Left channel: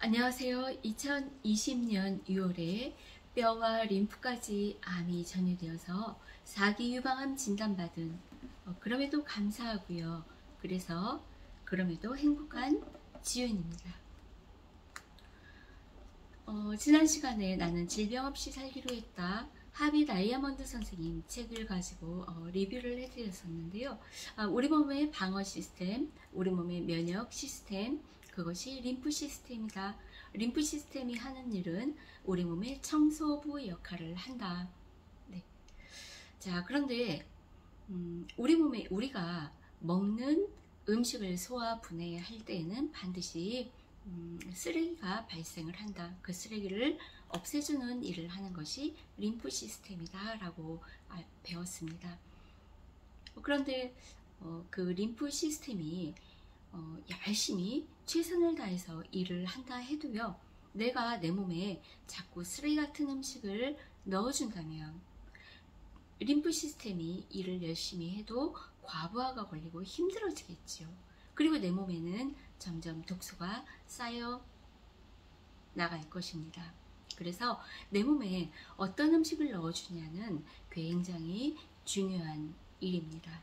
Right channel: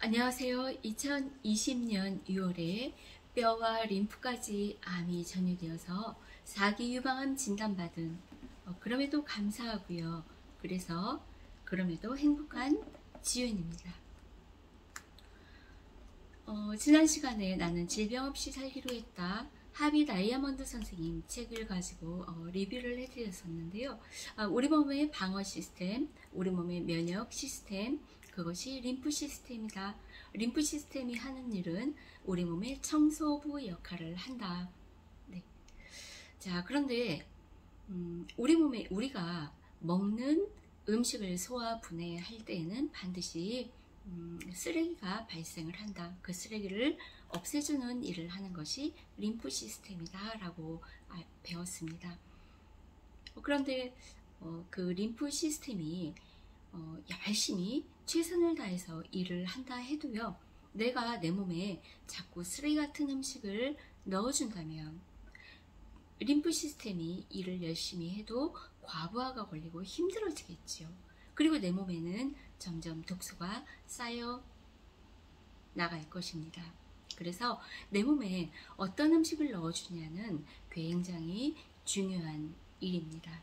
안녕하세요. 2020년 6월에 뼈와 림프까지 암이 전이되어서 4기 유방암 진단받은 그럼에도 감사하고요. 그럼에도 행복한 지윤입니다. 지난 시간에 나는 질병 없이 살기로 했다. 하비 다이아몬드 선생님 책을 가지고 리뷰를 해드렸었는데요. 우리 몸의 방어 시스템, 우리 몸의 면역 시스템, 그것이 림프 시스템이다. 림프 시스템이 하는 일은 우리 몸의 청소부 역할을 한다. 네. 자, 그런데 우리가 먹는 음식을 소화 분해할 때에는 반드시 쓰레기가 발생을 한다. 그 쓰레기를 없애주는 일을 하는 것이 림프 시스템이다 라고 배웠습니다. 그런데 그 림프 시스템이 열심히 최선을 다해서 일을 한다 해도요, 내가 내 몸에 자꾸 쓰레기 같은 음식을 넣어준다면 림프 시스템이 일을 열심히 해도 과부하가 걸리고 힘들어지겠지요. 그리고 내 몸에는 점점 독소가 쌓여 나갈 것입니다. 그래서 내 몸에 어떤 음식을 넣어주냐는 굉장히 중요한 일입니다.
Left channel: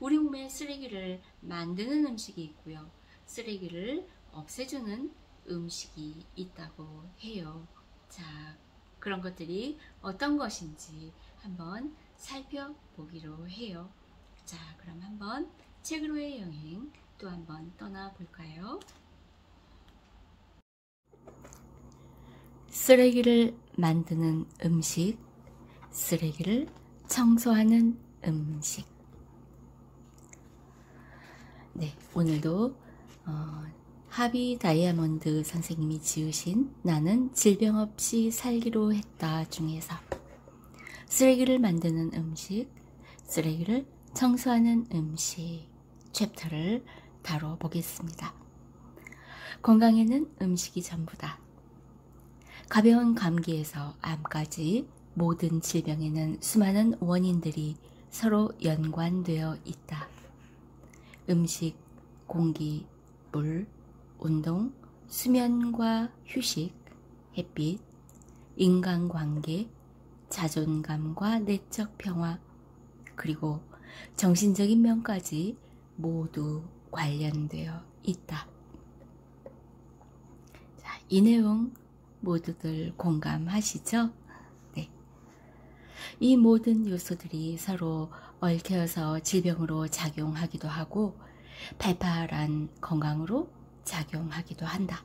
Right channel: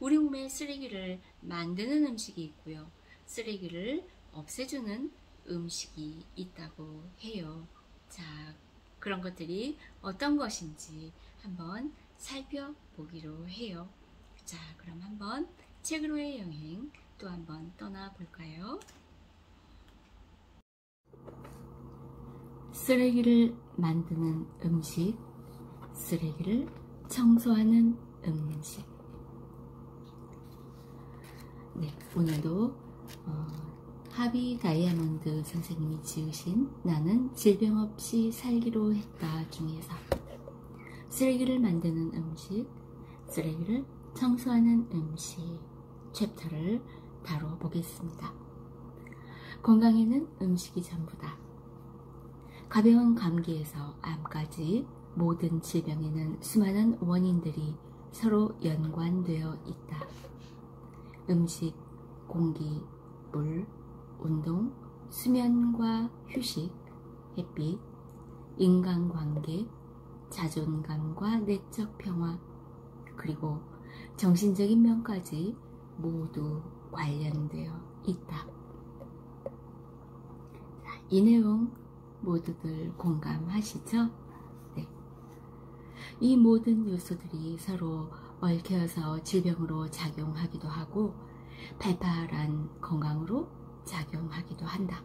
우리 몸에 쓰레기를 만드는 음식이 있고요. 쓰레기를 없애주는 음식이 있다고 해요. 자, 그런 것들이 어떤 것인지 한번 살펴보기로 해요. 자, 그럼 한번 책으로의 여행 또 한번 떠나볼까요? 쓰레기를 만드는 음식, 쓰레기를 청소하는 음식. 네, 오늘도 하비 다이아몬드 선생님이 지으신 나는 질병 없이 살기로 했다 중에서 쓰레기를 만드는 음식, 쓰레기를 청소하는 음식 챕터를 다뤄보겠습니다. 건강에는 음식이 전부다. 가벼운 감기에서 암까지 모든 질병에는 수많은 원인들이 서로 연관되어 있다. 음식, 공기, 물, 운동, 수면과 휴식, 햇빛, 인간관계, 자존감과 내적 평화, 그리고 정신적인 면까지 모두 관련되어 있다. 자, 이 내용 모두들 공감하시죠? 네. 이 모든 요소들이 서로 얽혀서 질병으로 작용하기도 하고 발팔한 건강으로 작용하기도 한다.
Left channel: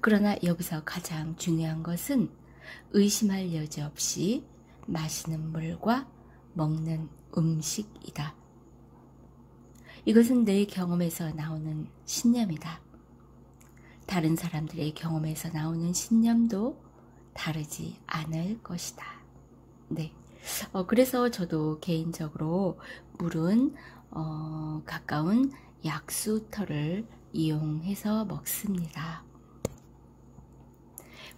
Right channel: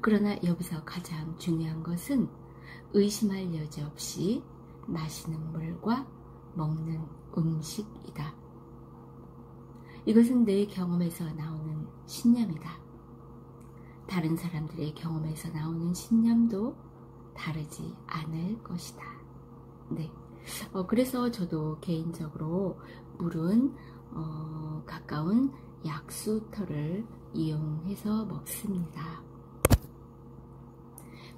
그러나 여기서 가장 중요한 것은 의심할 여지 없이 마시는 물과 먹는 음식이다. 이것은 내 경험에서 나오는 신념이다. 다른 사람들의 경험에서 나오는 신념도 다르지 않을 것이다. 네. 그래서 저도 개인적으로 물은 가까운 약수터를 이용해서 먹습니다.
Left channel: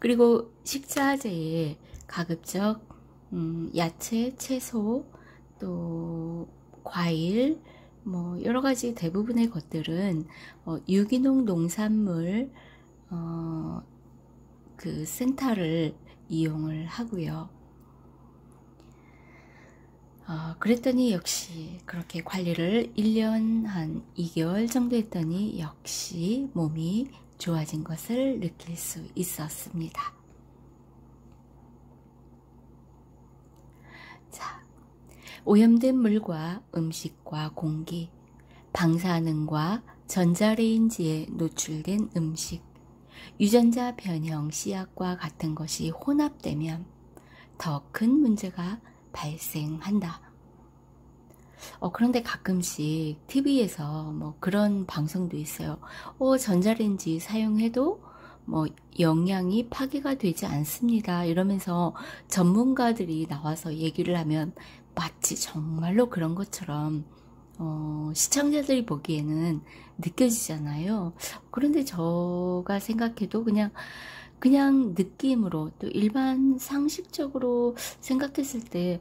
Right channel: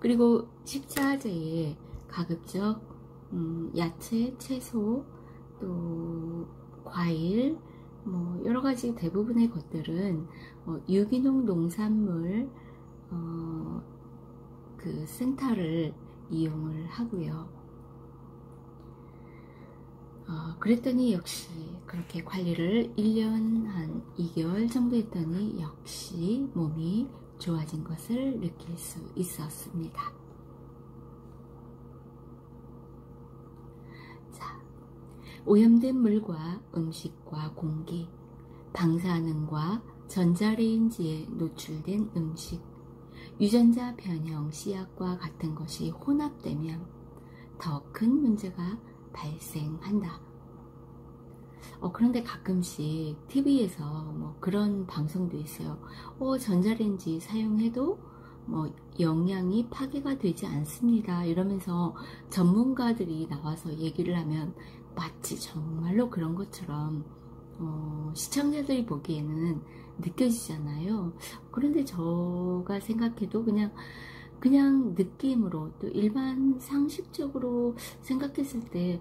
그리고 식자재에 가급적 야채, 채소, 또 과일, 뭐 여러가지 대부분의 것들은 유기농 농산물 그 센터를 이용을 하고요. 그랬더니 역시 그렇게 관리를 1년 한 2개월 정도 했더니 역시 몸이 좋아진 것을 느낄 수 있었습니다. 자, 오염된 물과 음식과 공기, 방사능과 전자레인지에 노출된 음식, 유전자 변형 씨앗과 같은 것이 혼합되면 더 큰 문제가 발생한다. 그런데 가끔씩 TV에서 뭐 그런 방송도 있어요. 전자레인지 사용해도 뭐 영양이 파괴가 되지 않습니다. 이러면서 전문가들이 나와서 얘기를 하면 마치 정말로 그런 것처럼 시청자들이 보기에는 느껴지잖아요. 그런데 제가 생각해도 그냥 느낌으로 또 일반 상식적으로 생각했을 때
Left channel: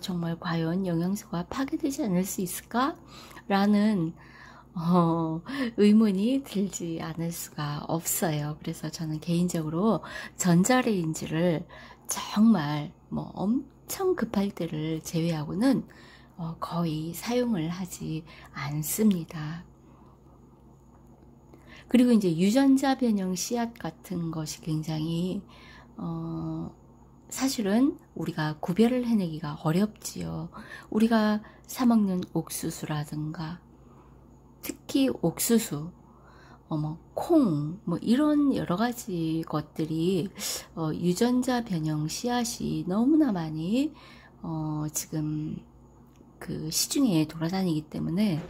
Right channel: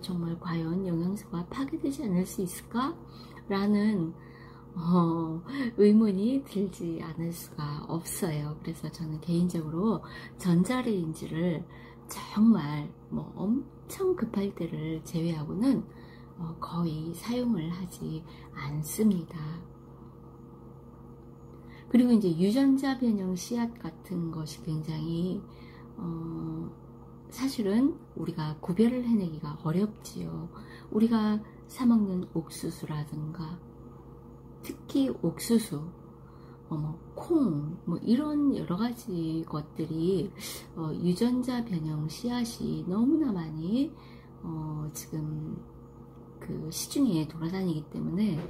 정말 과연 영양소가 파괴되지 않을 수 있을까? 라는 어, 의문이 들지 않을 수가 없어요. 그래서 저는 개인적으로 전자레인지를 정말 뭐 엄청 급할 때를 제외하고는 거의 사용을 하지 않습니다. 그리고 이제 유전자 변형 씨앗 같은 것이 굉장히 사실은 우리가 구별을 해내기가 어렵지요. 우리가 사 먹는 옥수수라든가 특히 옥수수, 콩, 뭐 이런 여러 가지 것들이 유전자 변형 씨앗이 너무나 많이 지금 그 시중에 돌아다니기 때문에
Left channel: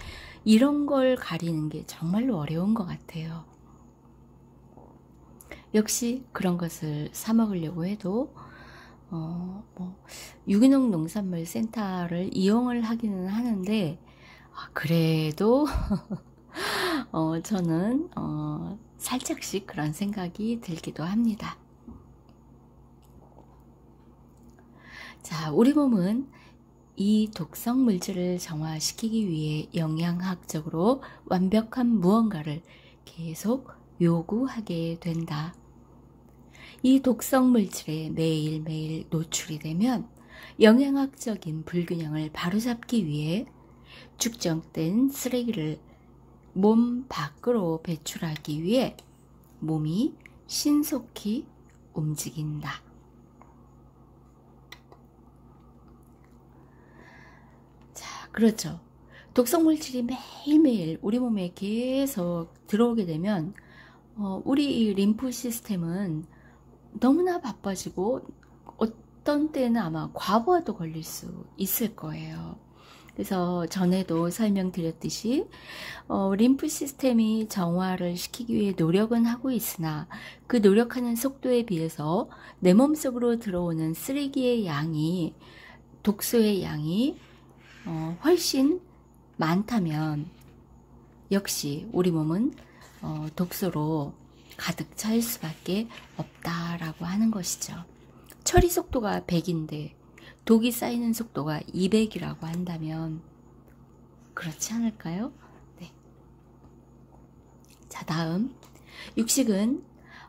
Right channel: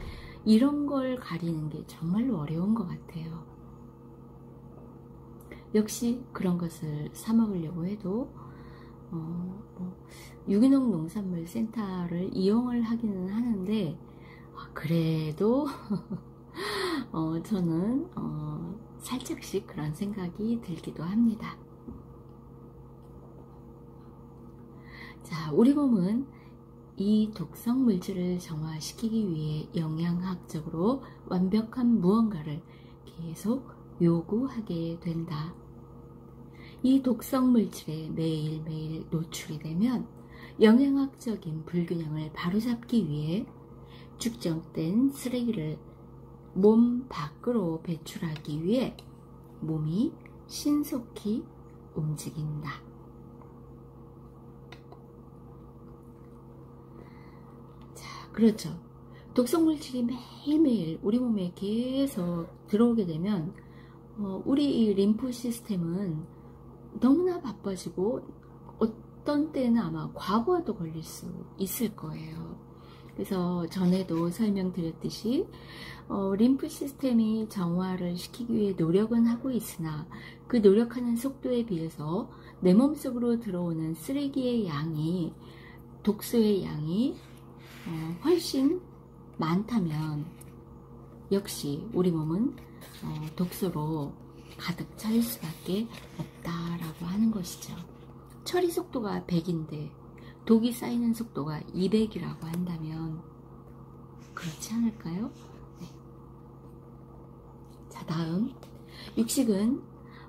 이런 걸 가리는 게 정말로 어려운 것 같아요. 역시 그런 것을 사 먹으려고 해도 유기농 농산물 센터를 이용을 하기는 하는데 그래도 저는 살짝씩 그런 생각이 들기도 합니다. 자, 우리 몸은 이 독성 물질을 정화시키기 위해 영양학적으로 완벽한 무언가를 계속 요구하게 된다. 이 독성 물질에 매일매일 노출이 되면 영양학적인 불균형을 바로잡기 위해 축적된 쓰레기를 몸 밖으로 배출하기 위해 몸이 신속히 움직인다. 자, 그렇죠. 독성 물질이 매일매일 우리 몸에 계속 들어오게 되면 우리 이 림프 시스템은 너무나 바빠지고 어떤 때는 아마 과부하도 걸릴 수 있을 거예요. 그래서 전에도 설명드렸듯이 림프 시스템이 정화를 시키기 위해 노력은 하고 있으나 그 노력하는 속도에 비해서 내 몸속으로 들어오는 쓰레기의 양이, 독소의 양이 훨씬 많다면 역시 우리 몸은 독소로 가득 찰 수밖에 없다라고 하는 것이죠. 처리 속도가 100인데 독이 쌓이는 속도가 200이라고 한다면 그렇지 않을까요? 네. 자, 다음 육식은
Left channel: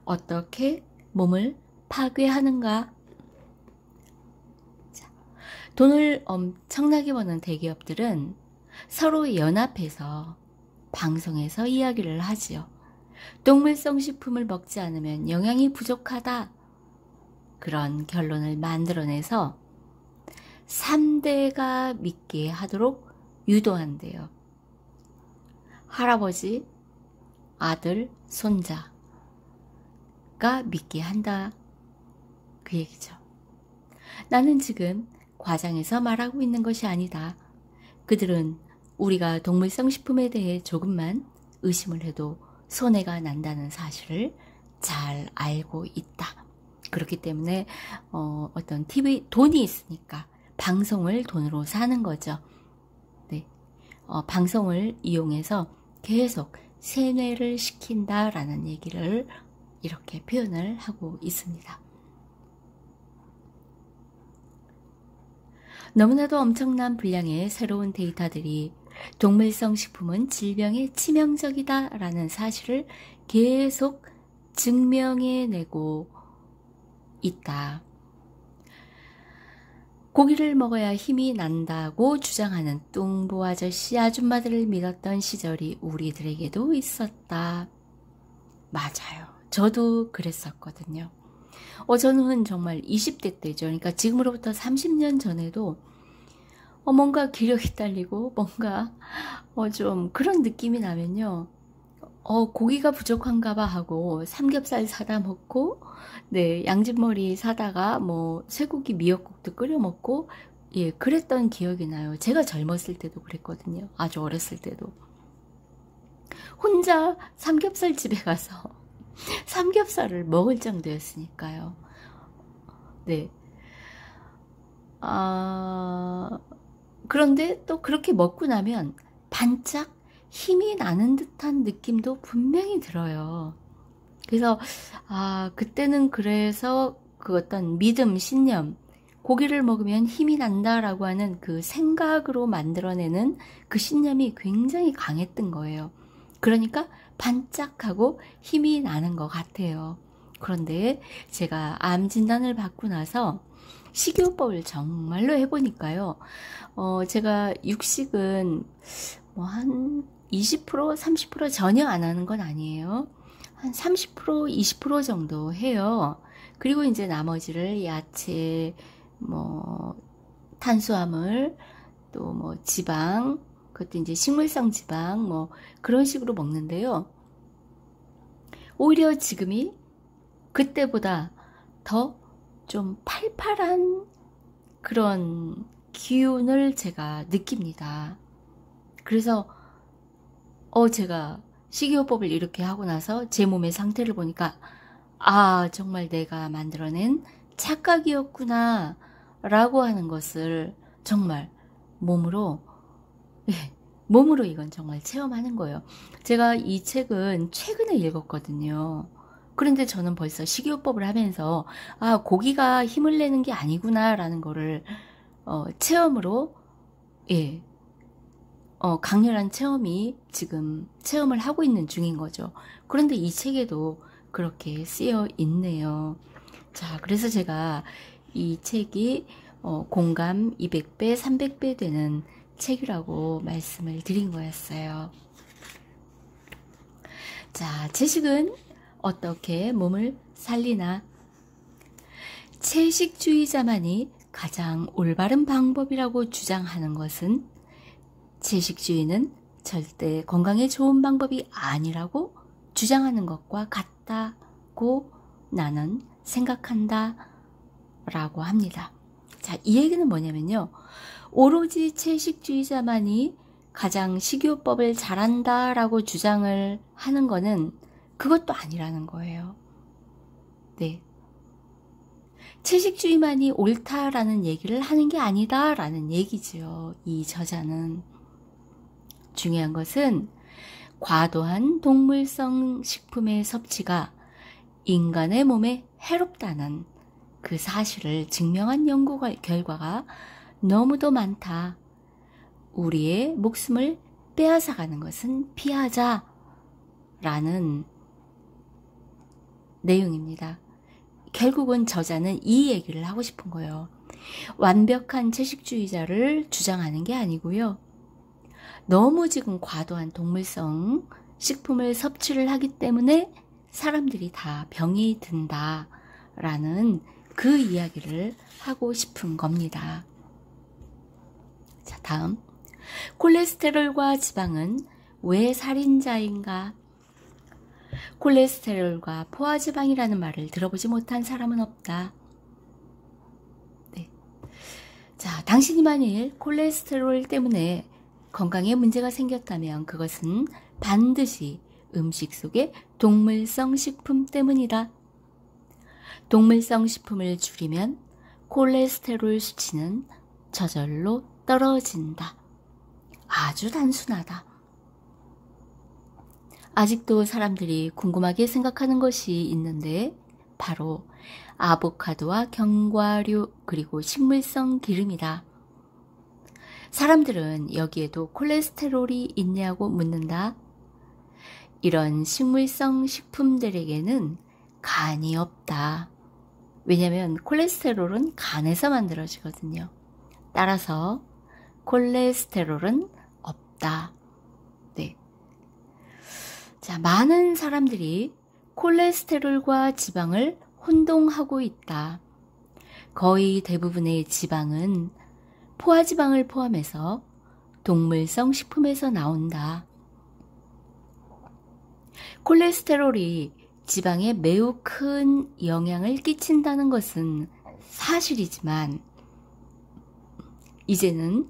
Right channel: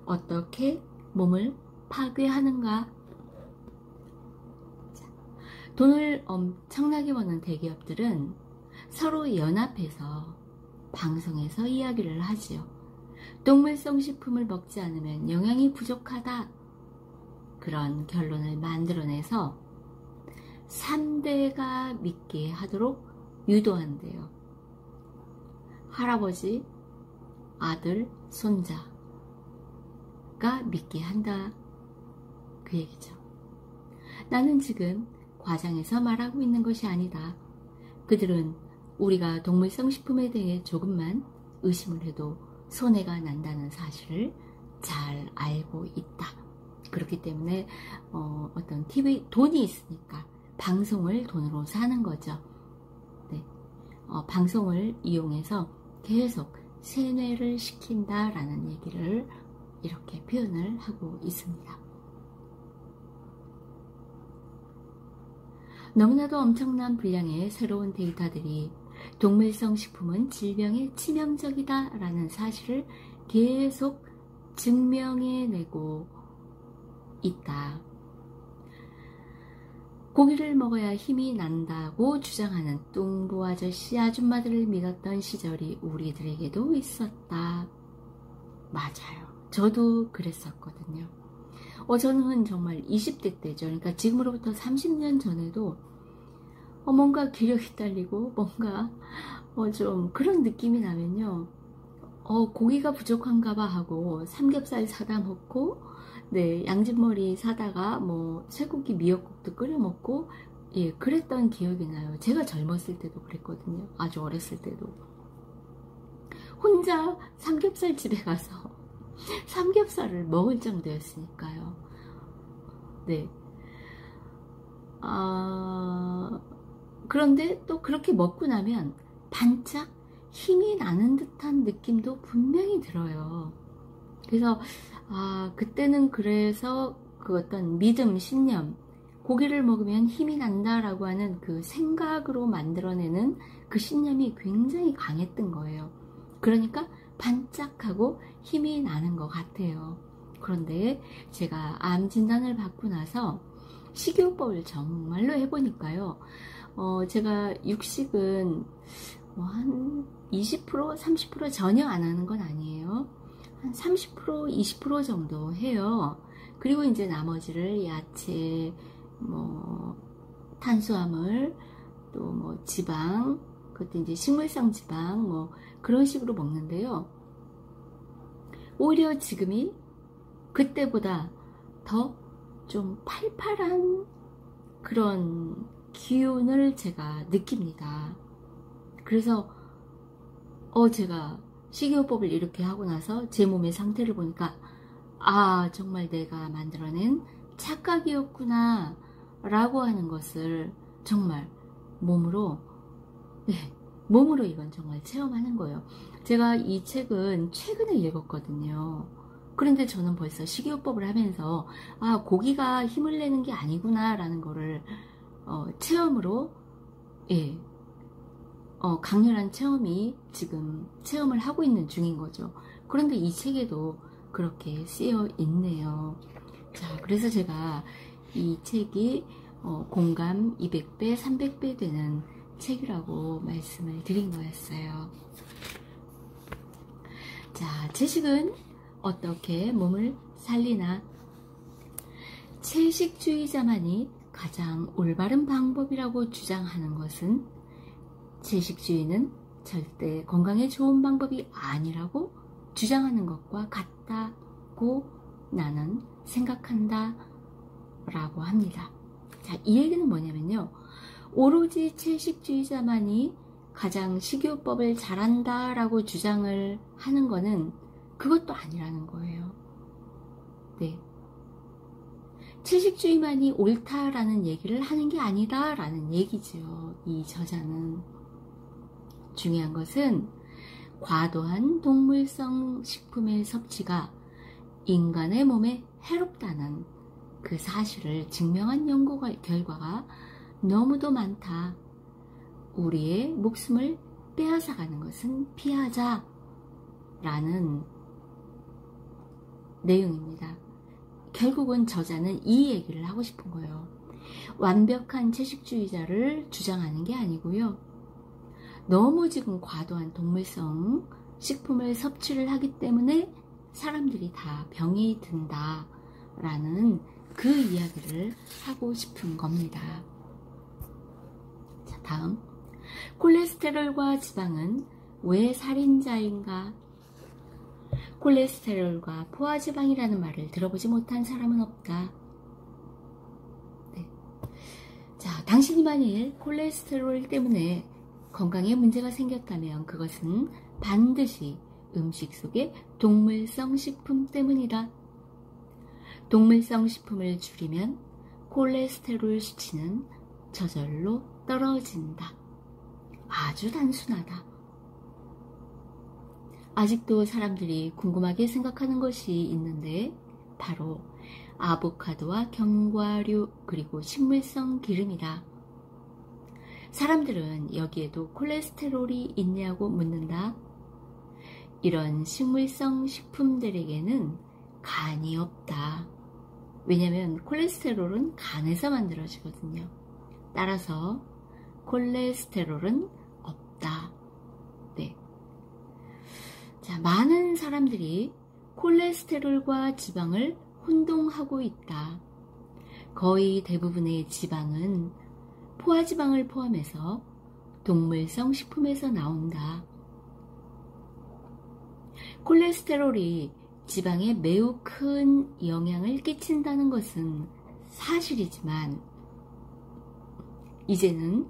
어떻게 몸을 파괴하는가? 자, 돈을 엄청나게 버는 대기업들은 서로 연합해서 방송에서 이야기를 하지요. 동물성 식품을 먹지 않으면 영양이 부족하다. 그런 결론을 만들어내서 3대가 믿게 하도록 유도한대요. 할아버지, 아들, 손자가 믿게 한다. 그 얘기죠. 나는 지금 과장해서 말하고 있는 것이 아니다. 그들은 우리가 동물성 식품에 대해 조금만 의심을 해도 손해가 난다는 사실을 잘 알고 있다. 그렇기 때문에 어떤 TV 돈이 있으니까 방송을 돈으로 사는 거죠. 네. 방송을 이용해서 계속 세뇌를 시킨다라는 얘기를 이렇게 표현을 하고 있습니다. 너무나도 엄청난 분량의 새로운 데이터들이 동물성 식품은 질병에 치명적이다 라는 사실을 계속 증명해내고 있다. 고기를 먹어야 힘이 난다고 주장하는 뚱보 아저씨 아줌마들을 믿었던 시절이 우리들에게도 있었다. 맞아요. 저도 그랬었거든요. 저는 정말 20대 때죠. 그러니까 지금으로부터 30년 전에도 뭔가 기력이 딸리고 뭔가 좀 그런 느낌이 나면요. 고기가 부족한가 봐 하고 삼겹살 사다 먹고 네, 양진머리 사다가 뭐 쇠고기 미역국도 끓여 먹고 예, 그랬던 기억이 나요. 제가 젊었을 때도 그랬거든요. 아주 어렸을 때도. 혼자 삼겹살 집에 가서 삼겹살을 먹을 정도였으니까요. 네. 그런데 또 그렇게 먹고 나면 반짝 힘이 나는 듯한 느낌도 분명히 들어요. 그래서 그때는 그래서 그 어떤 믿음, 신념, 고기를 먹으면 힘이 난다라고 하는 그 생각으로 만들어내는 그 신념이 굉장히 강했던 거예요. 그러니까 반짝하고 힘이 나는 것 같아요. 그런데 제가 암 진단을 받고 나서 식이요법을 정말로 해보니까요. 제가 육식은 뭐 한 20%, 30% 전혀 안 하는 건 아니에요. 한 30%, 20% 정도 해요. 그리고 이제 나머지를 야채, 뭐 탄수화물, 또 뭐 지방, 그것도 이제 식물성 지방, 뭐 그런 식으로 먹는데요. 오히려 지금이 그때보다 더 좀 팔팔한 그런 기운을 제가 느낍니다. 그래서 제가 식이요법을 이렇게 하고 나서 제 몸의 상태를 보니까 아, 정말 내가 만들어낸 착각이었구나 라고 하는 것을 정말 몸으로 몸으로 이건 정말 체험하는 거예요. 제가 이 책은 최근에 읽었거든요. 그런데 저는 벌써 식이요법을 하면서 아, 고기가 힘을 내는 게 아니구나 라는 거를 체험으로 강렬한 체험이 지금 체험을 하고 있는 중인 거죠. 그런데 이 책에도 그렇게 쓰여 있네요. 자, 그래서 제가 이 책이 공감 200배, 300배 되는 책이라고 말씀을 드린 거였어요. 자, 채식은 어떻게 몸을 살리나? 채식주의자만이 가장 올바른 방법이라고 주장하는 것은 채식주의는 절대 건강에 좋은 방법이 아니라고 주장하는 것과 같다고 나는 생각한다 라고 합니다. 자, 이 얘기는 뭐냐면요. 오로지 채식주의자만이 가장 식이요법을 잘한다 라고 주장을 하는 거는 그것도 아니라는 거예요. 네. 채식주의만이 옳다라는 얘기를 하는 게 아니다 라는 얘기지요. 이 저자는. 중요한 것은 과도한 동물성 식품의 섭취가 인간의 몸에 해롭다는 그 사실을 증명한 연구 결과가 너무도 많다. 우리의 목숨을 빼앗아가는 것은 피하자 라는 내용입니다. 결국은 저자는 이 얘기를 하고 싶은 거예요. 완벽한 채식주의자를 주장하는 게 아니고요. 너무 지금 과도한 동물성 식품을 섭취를 하기 때문에 사람들이 다 병이 든다라는 그 이야기를 하고 싶은 겁니다. 자, 다음. 콜레스테롤과 지방은 왜 살인자인가? 콜레스테롤과 포화지방이라는 말을 들어보지 못한 사람은 없다. 네. 자, 당신이 만일 콜레스테롤 때문에 건강에 문제가 생겼다면 그것은 반드시 음식 속의 동물성 식품 때문이다. 동물성 식품을 줄이면 콜레스테롤 수치는 저절로 떨어진다. 아주 단순하다. 아직도 사람들이 궁금하게 생각하는 것이 있는데 바로 아보카도와 견과류 그리고 식물성 기름이다. 사람들은 여기에도 콜레스테롤이 있냐고 묻는다. 이런 식물성 식품들에게는 간이 없다. 왜냐하면 콜레스테롤은 간에서 만들어지거든요. 따라서 콜레스테롤은 없다. 네. 자, 많은 사람들이 콜레스테롤과 지방을 혼동하고 있다. 거의 대부분의 지방은 포화지방을 포함해서 동물성 식품에서 나온다. 콜레스테롤이 지방에 매우 큰 영향을 끼친다는 것은 사실이지만 이제는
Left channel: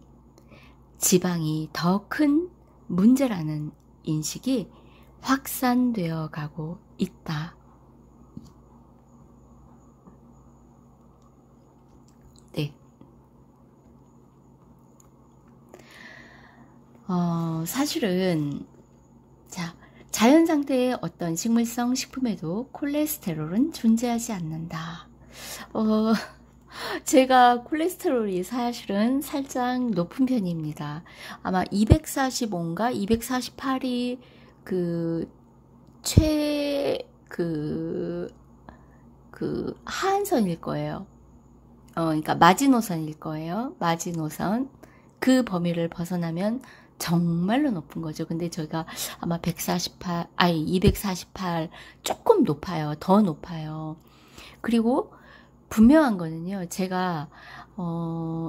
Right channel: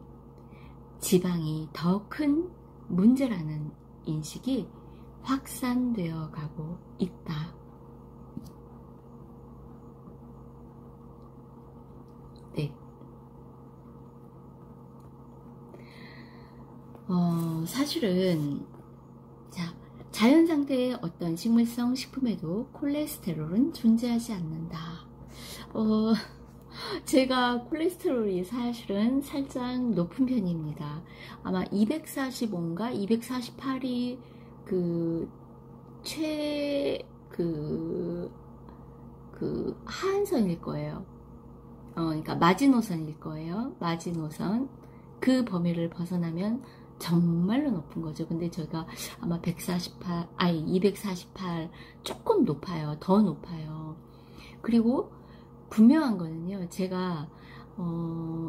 지방이 더 큰 문제라는 인식이 확산되어 가고 있다. 네. 사실은 자연 상태의 어떤 식물성 식품에도 콜레스테롤은 존재하지 않는다. 제가 콜레스테롤이 사실은 살짝 높은 편입니다. 아마 245인가 248이 그 하한선일 거예요. 그러니까 마지노선일 거예요. 마지노선. 그 범위를 벗어나면 정말로 높은 거죠. 근데 저희가 아마 148, 아니 248 조금 높아요. 더 높아요. 그리고 분명한 거는요. 제가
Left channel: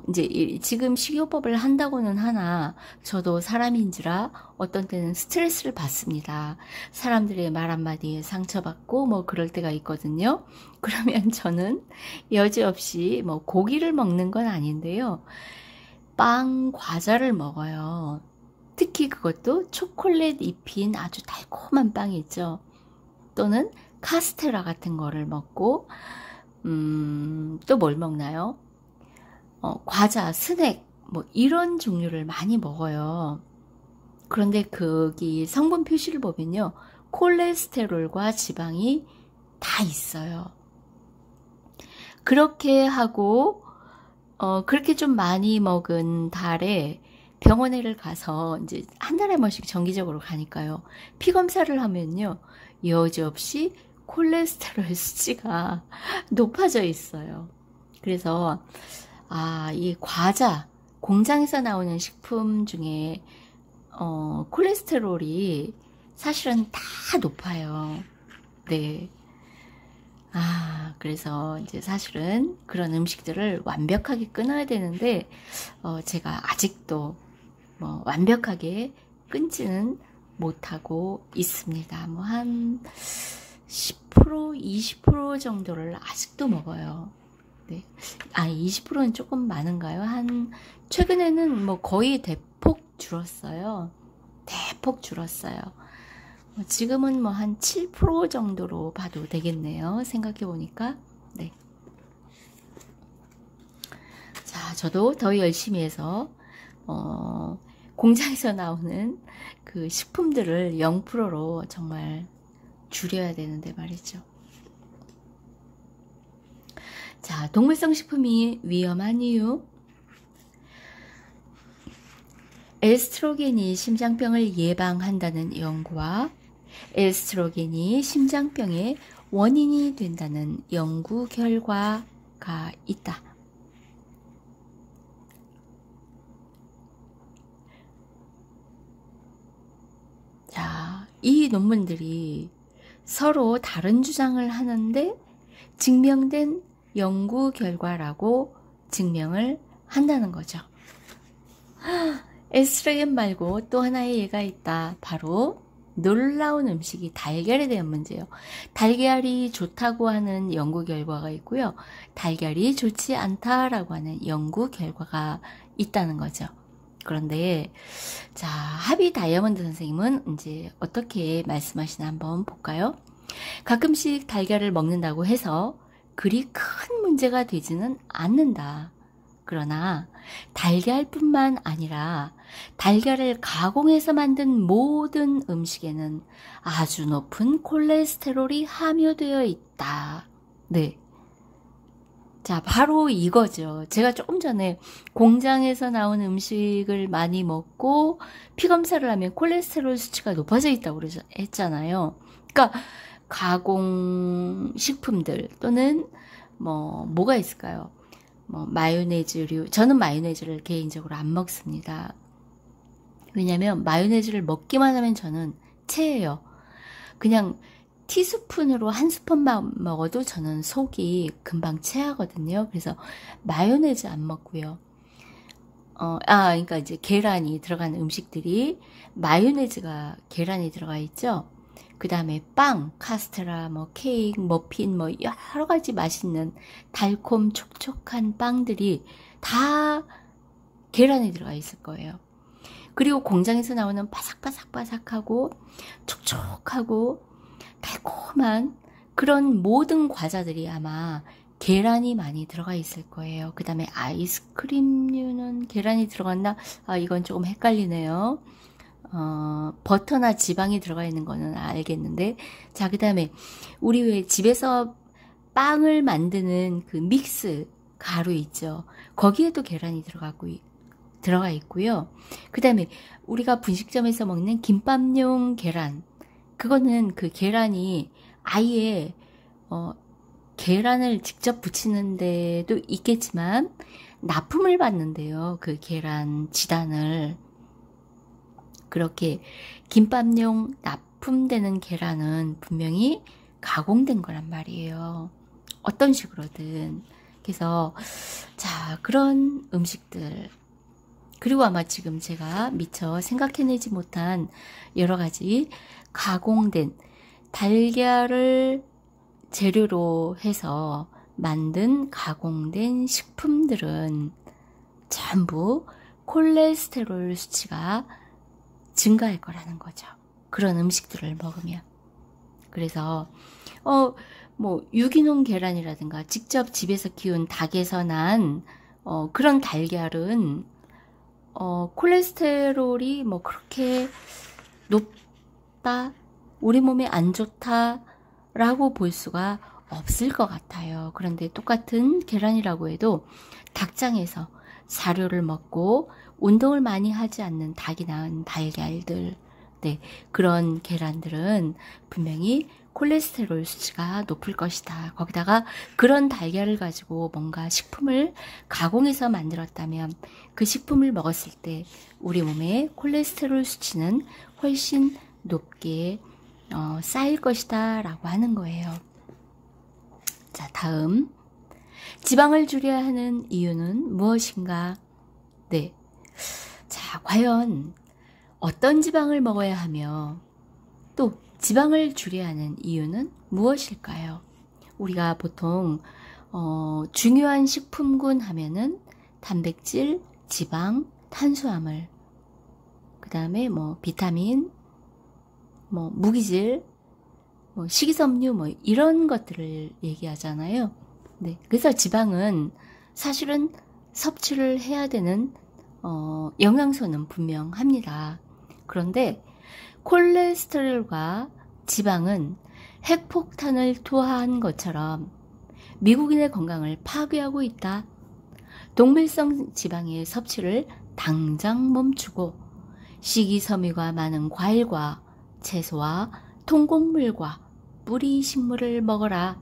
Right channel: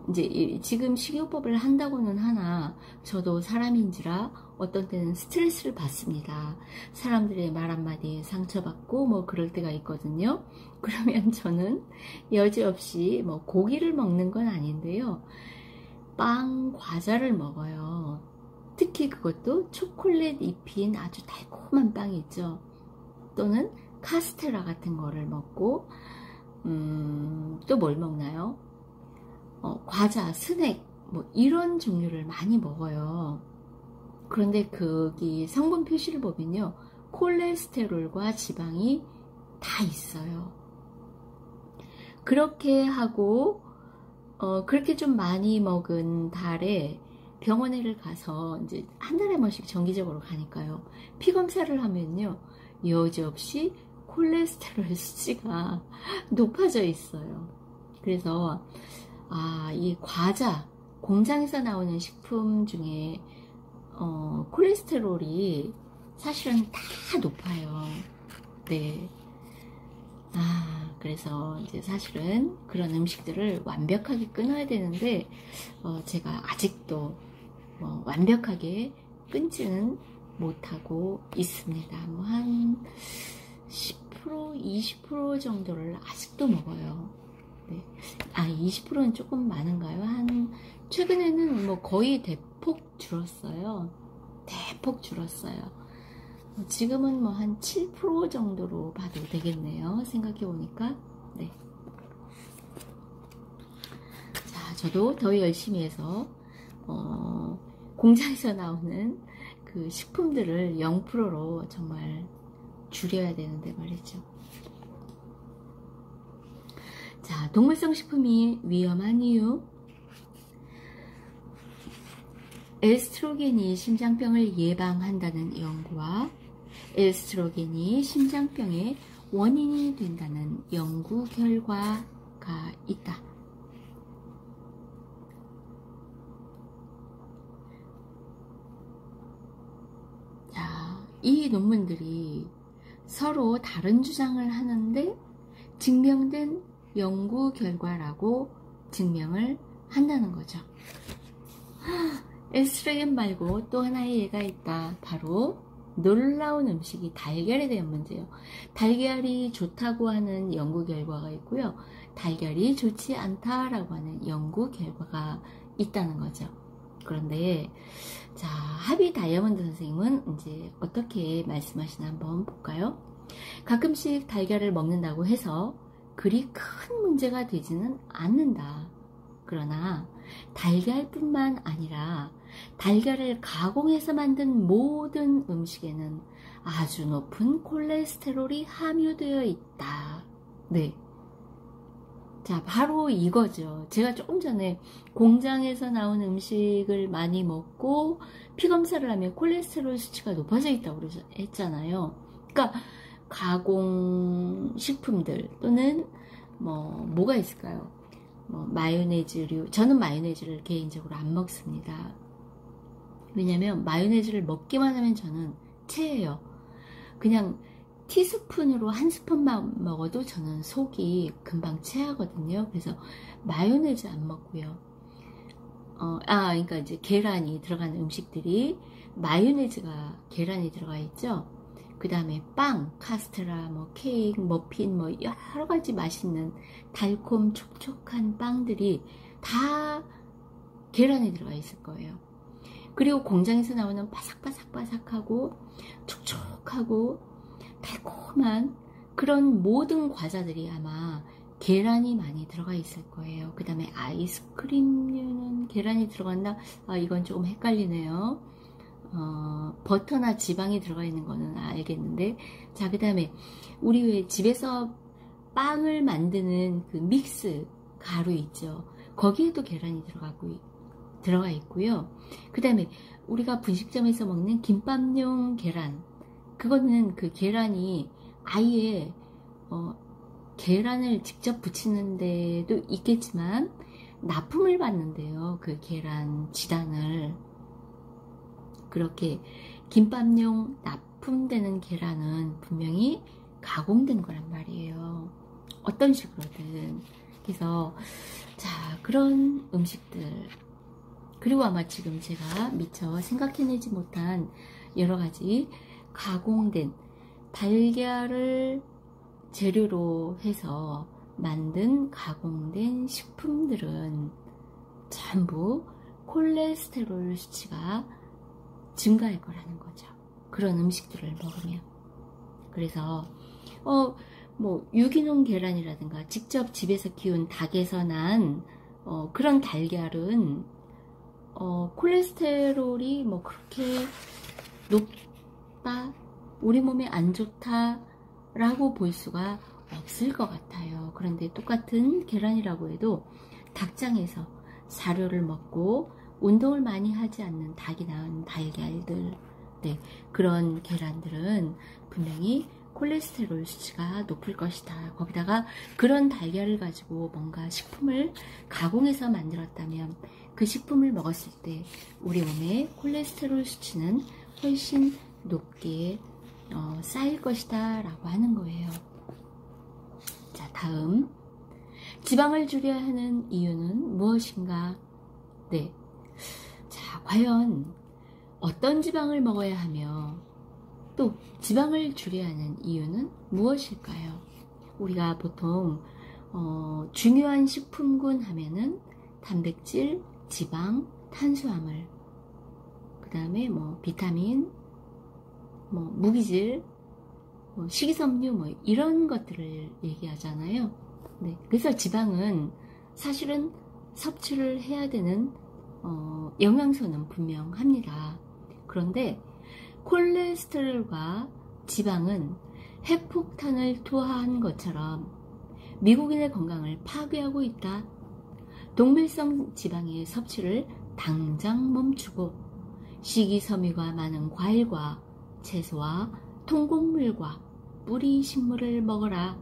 이제 지금 식이요법을 한다고는 하나 저도 사람인지라 어떤 때는 스트레스를 받습니다. 사람들의 말 한마디에 상처받고 뭐 그럴 때가 있거든요. 그러면 저는 여지없이 뭐 고기를 먹는 건 아닌데요. 빵, 과자를 먹어요. 특히 그것도 초콜릿 입힌 아주 달콤한 빵이 있죠. 또는 카스테라 같은 거를 먹고 또 뭘 먹나요? 과자, 스낵 뭐 이런 종류를 많이 먹어요. 그런데 거기 성분 표시를 보면요. 콜레스테롤과 지방이 다 있어요. 그렇게 하고 그렇게 좀 많이 먹은 달에 병원에를 가서 이제 한 달에 한 번씩 정기적으로 가니까요. 피 검사를 하면요. 여지없이 콜레스테롤 수치가 높아져 있어요. 그래서 이 과자, 공장에서 나오는 식품 중에 콜레스테롤이 사실은 다 높아요. 네. 그래서 이제 사실은 그런 음식들을 완벽하게 끊어야 되는데 제가 아직도 뭐 완벽하게 끊지는 못하고 있습니다. 뭐 한 10%, 20% 정도를 아직도 먹어요. 네. 20%는 조금 많은가요? 최근에는 뭐 거의 대폭 줄었어요. 대폭 줄었어요. 지금은 뭐 한 7% 정도로 봐도 되겠네요. 생각해 보니까. 네. 자, 저도 더 열심히 해서 공장에서 나오는 그 식품들을 0%로 정말 줄여야 되는데 말이죠. 자, 동물성 식품이 위험한 이유. 에스트로겐이 심장병을 예방한다는 연구와 에스트로겐이 심장병의 원인이 된다는 연구 결과가 있다. 자, 이 논문들이 서로 다른 주장을 하는데 증명된 연구 결과라고 증명을 한다는 거죠. 에스트로겐 말고 또 하나의 예가 있다. 바로 놀라운 음식이 달걀에 대한 문제예요. 달걀이 좋다고 하는 연구 결과가 있고요. 달걀이 좋지 않다라고 하는 연구 결과가 있다는 거죠. 그런데 자, 하비 다이아몬드 선생님은 이제 어떻게 말씀하시나 한번 볼까요? 가끔씩 달걀을 먹는다고 해서 그리 큰 문제가 되지는 않는다. 그러나 달걀뿐만 아니라 달걀을 가공해서 만든 모든 음식에는 아주 높은 콜레스테롤이 함유되어 있다. 네. 자, 바로 이거죠. 제가 조금 전에 공장에서 나온 음식을 많이 먹고 피검사를 하면 콜레스테롤 수치가 높아져 있다고 했잖아요. 그러니까 가공 식품들 또는 뭐가 있을까요? 마요네즈류. 저는 마요네즈를 개인적으로 안 먹습니다. 왜냐면 마요네즈를 먹기만 하면 저는 체해요. 그냥 티스푼으로 한 스푼만 먹어도 저는 속이 금방 체하거든요. 그래서 마요네즈 안 먹고요. 그러니까 이제 계란이 들어간 음식들이 마요네즈가 계란이 들어가 있죠. 그 다음에 빵, 카스테라, 케이크, 머핀, 여러 가지 맛있는 달콤 촉촉한 빵들이 다 계란에 들어가 있을 거예요. 그리고 공장에서 나오는 바삭바삭바삭하고 촉촉하고 달콤한 그런 모든 과자들이 아마 계란이 많이 들어가 있을 거예요. 그 다음에 아이스크림류는 계란이 들어갔나? 이건 조금 헷갈리네요. 버터나 지방이 들어가 있는 거는 알겠는데, 자, 그 다음에 우리 왜 집에서 빵을 만드는 그 믹스, 가루 있죠. 거기에도 계란이 들어가 있고요. 그 다음에 우리가 분식점에서 먹는 김밥용 계란, 그거는 그 계란이 아예 계란을 직접 부치는 데도 있겠지만 납품을 받는데요. 그 계란 지단을. 그렇게 김밥용 납품되는 계란은 분명히 가공된 거란 말이에요. 어떤 식으로든. 그래서 자, 그런 음식들, 그리고 아마 지금 제가 미처 생각해내지 못한 여러 가지 가공된 달걀을 재료로 해서 만든 가공된 식품들은 전부 콜레스테롤 수치가 증가할 거라는 거죠. 그런 음식들을 먹으면. 그래서 뭐 유기농 계란이라든가 직접 집에서 키운 닭에서 난 그런 달걀은 콜레스테롤이 뭐 그렇게 높다, 우리 몸에 안 좋다 라고 볼 수가 없을 것 같아요. 그런데 똑같은 계란이라고 해도 닭장에서 사료를 먹고 운동을 많이 하지 않는 닭이 낳은 달걀들, 네, 그런 계란들은 분명히 콜레스테롤 수치가 높을 것이다. 거기다가 그런 달걀을 가지고 뭔가 식품을 가공해서 만들었다면 그 식품을 먹었을 때 우리 몸에 콜레스테롤 수치는 훨씬 높게 쌓일 것이다 라고 하는 거예요. 자, 다음, 지방을 줄여야 하는 이유는 무엇인가? 네, 자, 과연 어떤 지방을 먹어야 하며 또 지방을 줄여야 하는 이유는 무엇일까요? 우리가 보통 중요한 식품군 하면은 단백질, 지방, 탄수화물, 그 다음에 뭐 비타민, 뭐 무기질, 뭐 식이섬유, 뭐 이런 것들을 얘기하잖아요. 네, 그래서 지방은 사실은 섭취를 해야 되는 영양소는 분명합니다. 그런데 콜레스테롤과 지방은 핵폭탄을 투하한 것처럼 미국인의 건강을 파괴하고 있다. 동물성 지방의 섭취를 당장 멈추고 식이섬유가 많은 과일과 채소와 통곡물과 뿌리 식물을 먹어라.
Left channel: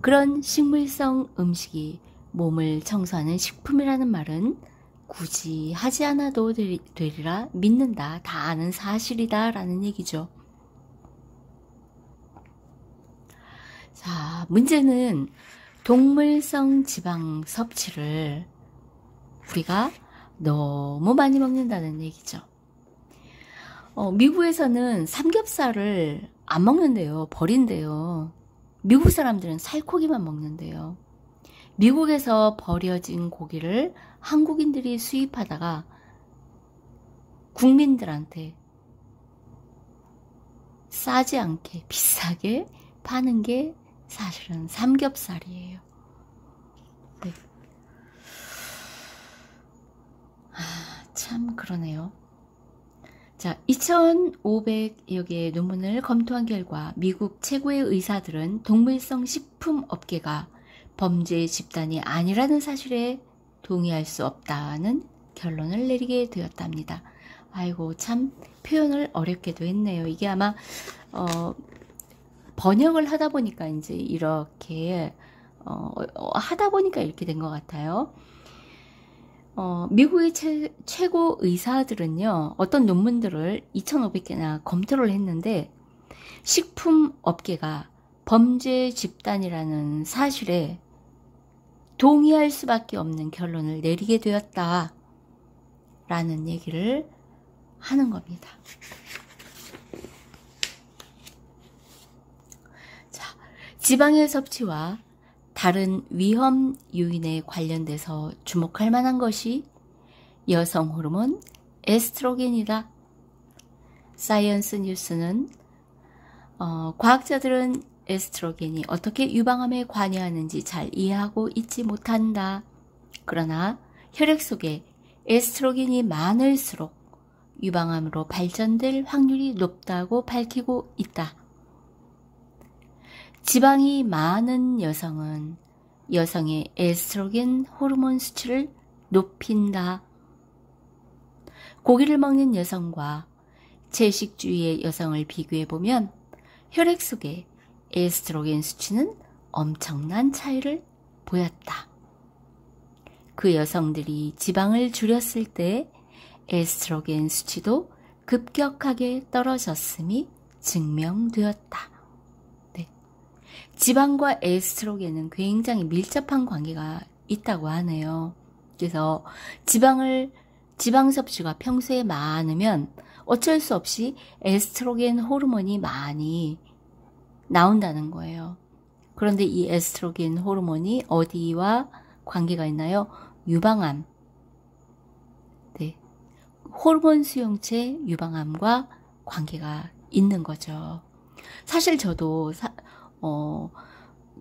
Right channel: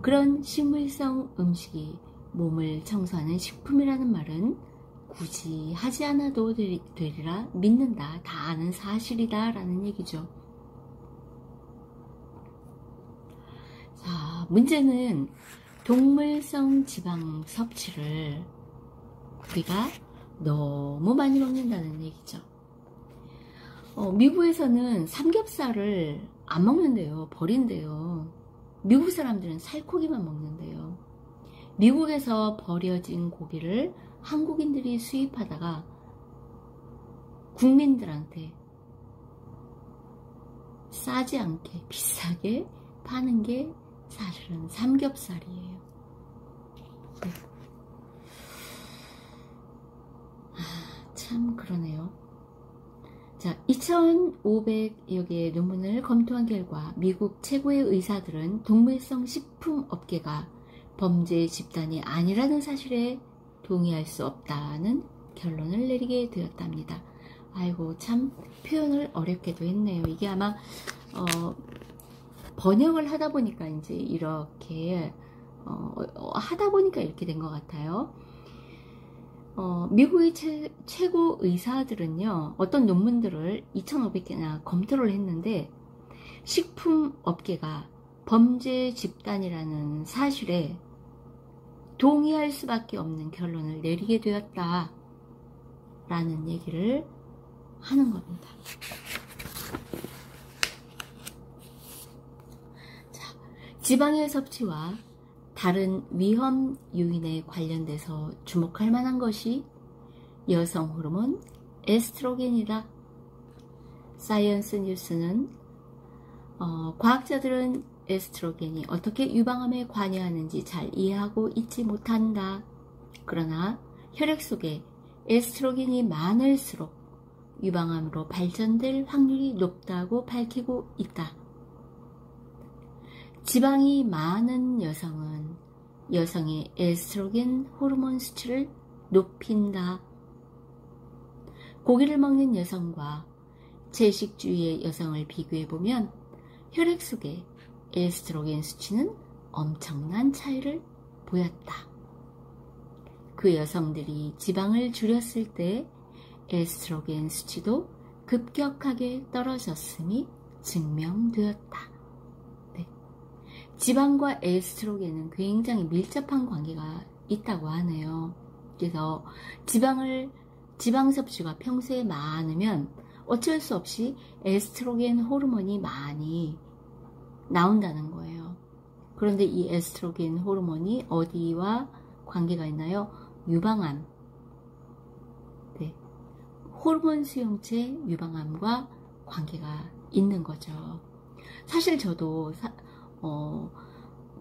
그런 식물성 음식이 몸을 청소하는 식품이라는 말은 굳이 하지 않아도 되리라 믿는다. 다 아는 사실이다 라는 얘기죠. 자, 문제는 동물성 지방 섭취를 우리가 너무 많이 먹는다는 얘기죠. 미국에서는 삼겹살을 안 먹는데요. 버린대요. 미국 사람들은 살코기만 먹는데요. 미국에서 버려진 고기를 한국인들이 수입하다가 국민들한테 싸지 않게 비싸게 파는 게 사실은 삼겹살이에요. 네. 참 그러네요. 자, 2,500여 개의 논문을 검토한 결과 미국 최고의 의사들은 동물성 식품 업계가 범죄 집단이 아니라는 사실에 동의할 수 없다는 결론을 내리게 되었답니다. 아이고, 참 표현을 어렵게도 했네요. 이게 아마 번역을 하다 보니까 이제 이렇게 하다 보니까 이렇게 된 것 같아요. 미국의 최고 의사들은요, 어떤 논문들을 2,500개나 검토를 했는데 식품 업계가 범죄 집단이라는 사실에 동의할 수밖에 없는 결론을 내리게 되었다 라는 얘기를 하는 겁니다. 자, 지방의 섭취와 다른 위험 요인에 관련돼서 주목할 만한 것이 여성 호르몬 에스트로겐이다. 사이언스 뉴스는 과학자들은 에스트로겐이 어떻게 유방암에 관여하는지 잘 이해하고 있지 못한다. 그러나 혈액 속에 에스트로겐이 많을수록 유방암으로 발전될 확률이 높다고 밝히고 있다. 지방이 많은 여성은 여성의 에스트로겐 호르몬 수치를 높인다. 고기를 먹는 여성과 채식주의의 여성을 비교해보면 혈액 속의 에스트로겐 수치는 엄청난 차이를 보였다. 그 여성들이 지방을 줄였을 때 에스트로겐 수치도 급격하게 떨어졌음이 증명되었다. 네. 지방과 에스트로겐은 굉장히 밀접한 관계가 있다고 하네요. 그래서 지방 섭취가 평소에 많으면 어쩔 수 없이 에스트로겐 호르몬이 많이 나온다는 거예요. 그런데 이 에스트로겐 호르몬이 어디와 관계가 있나요? 유방암. 네. 호르몬 수용체 유방암과 관계가 있는 거죠. 사실 저도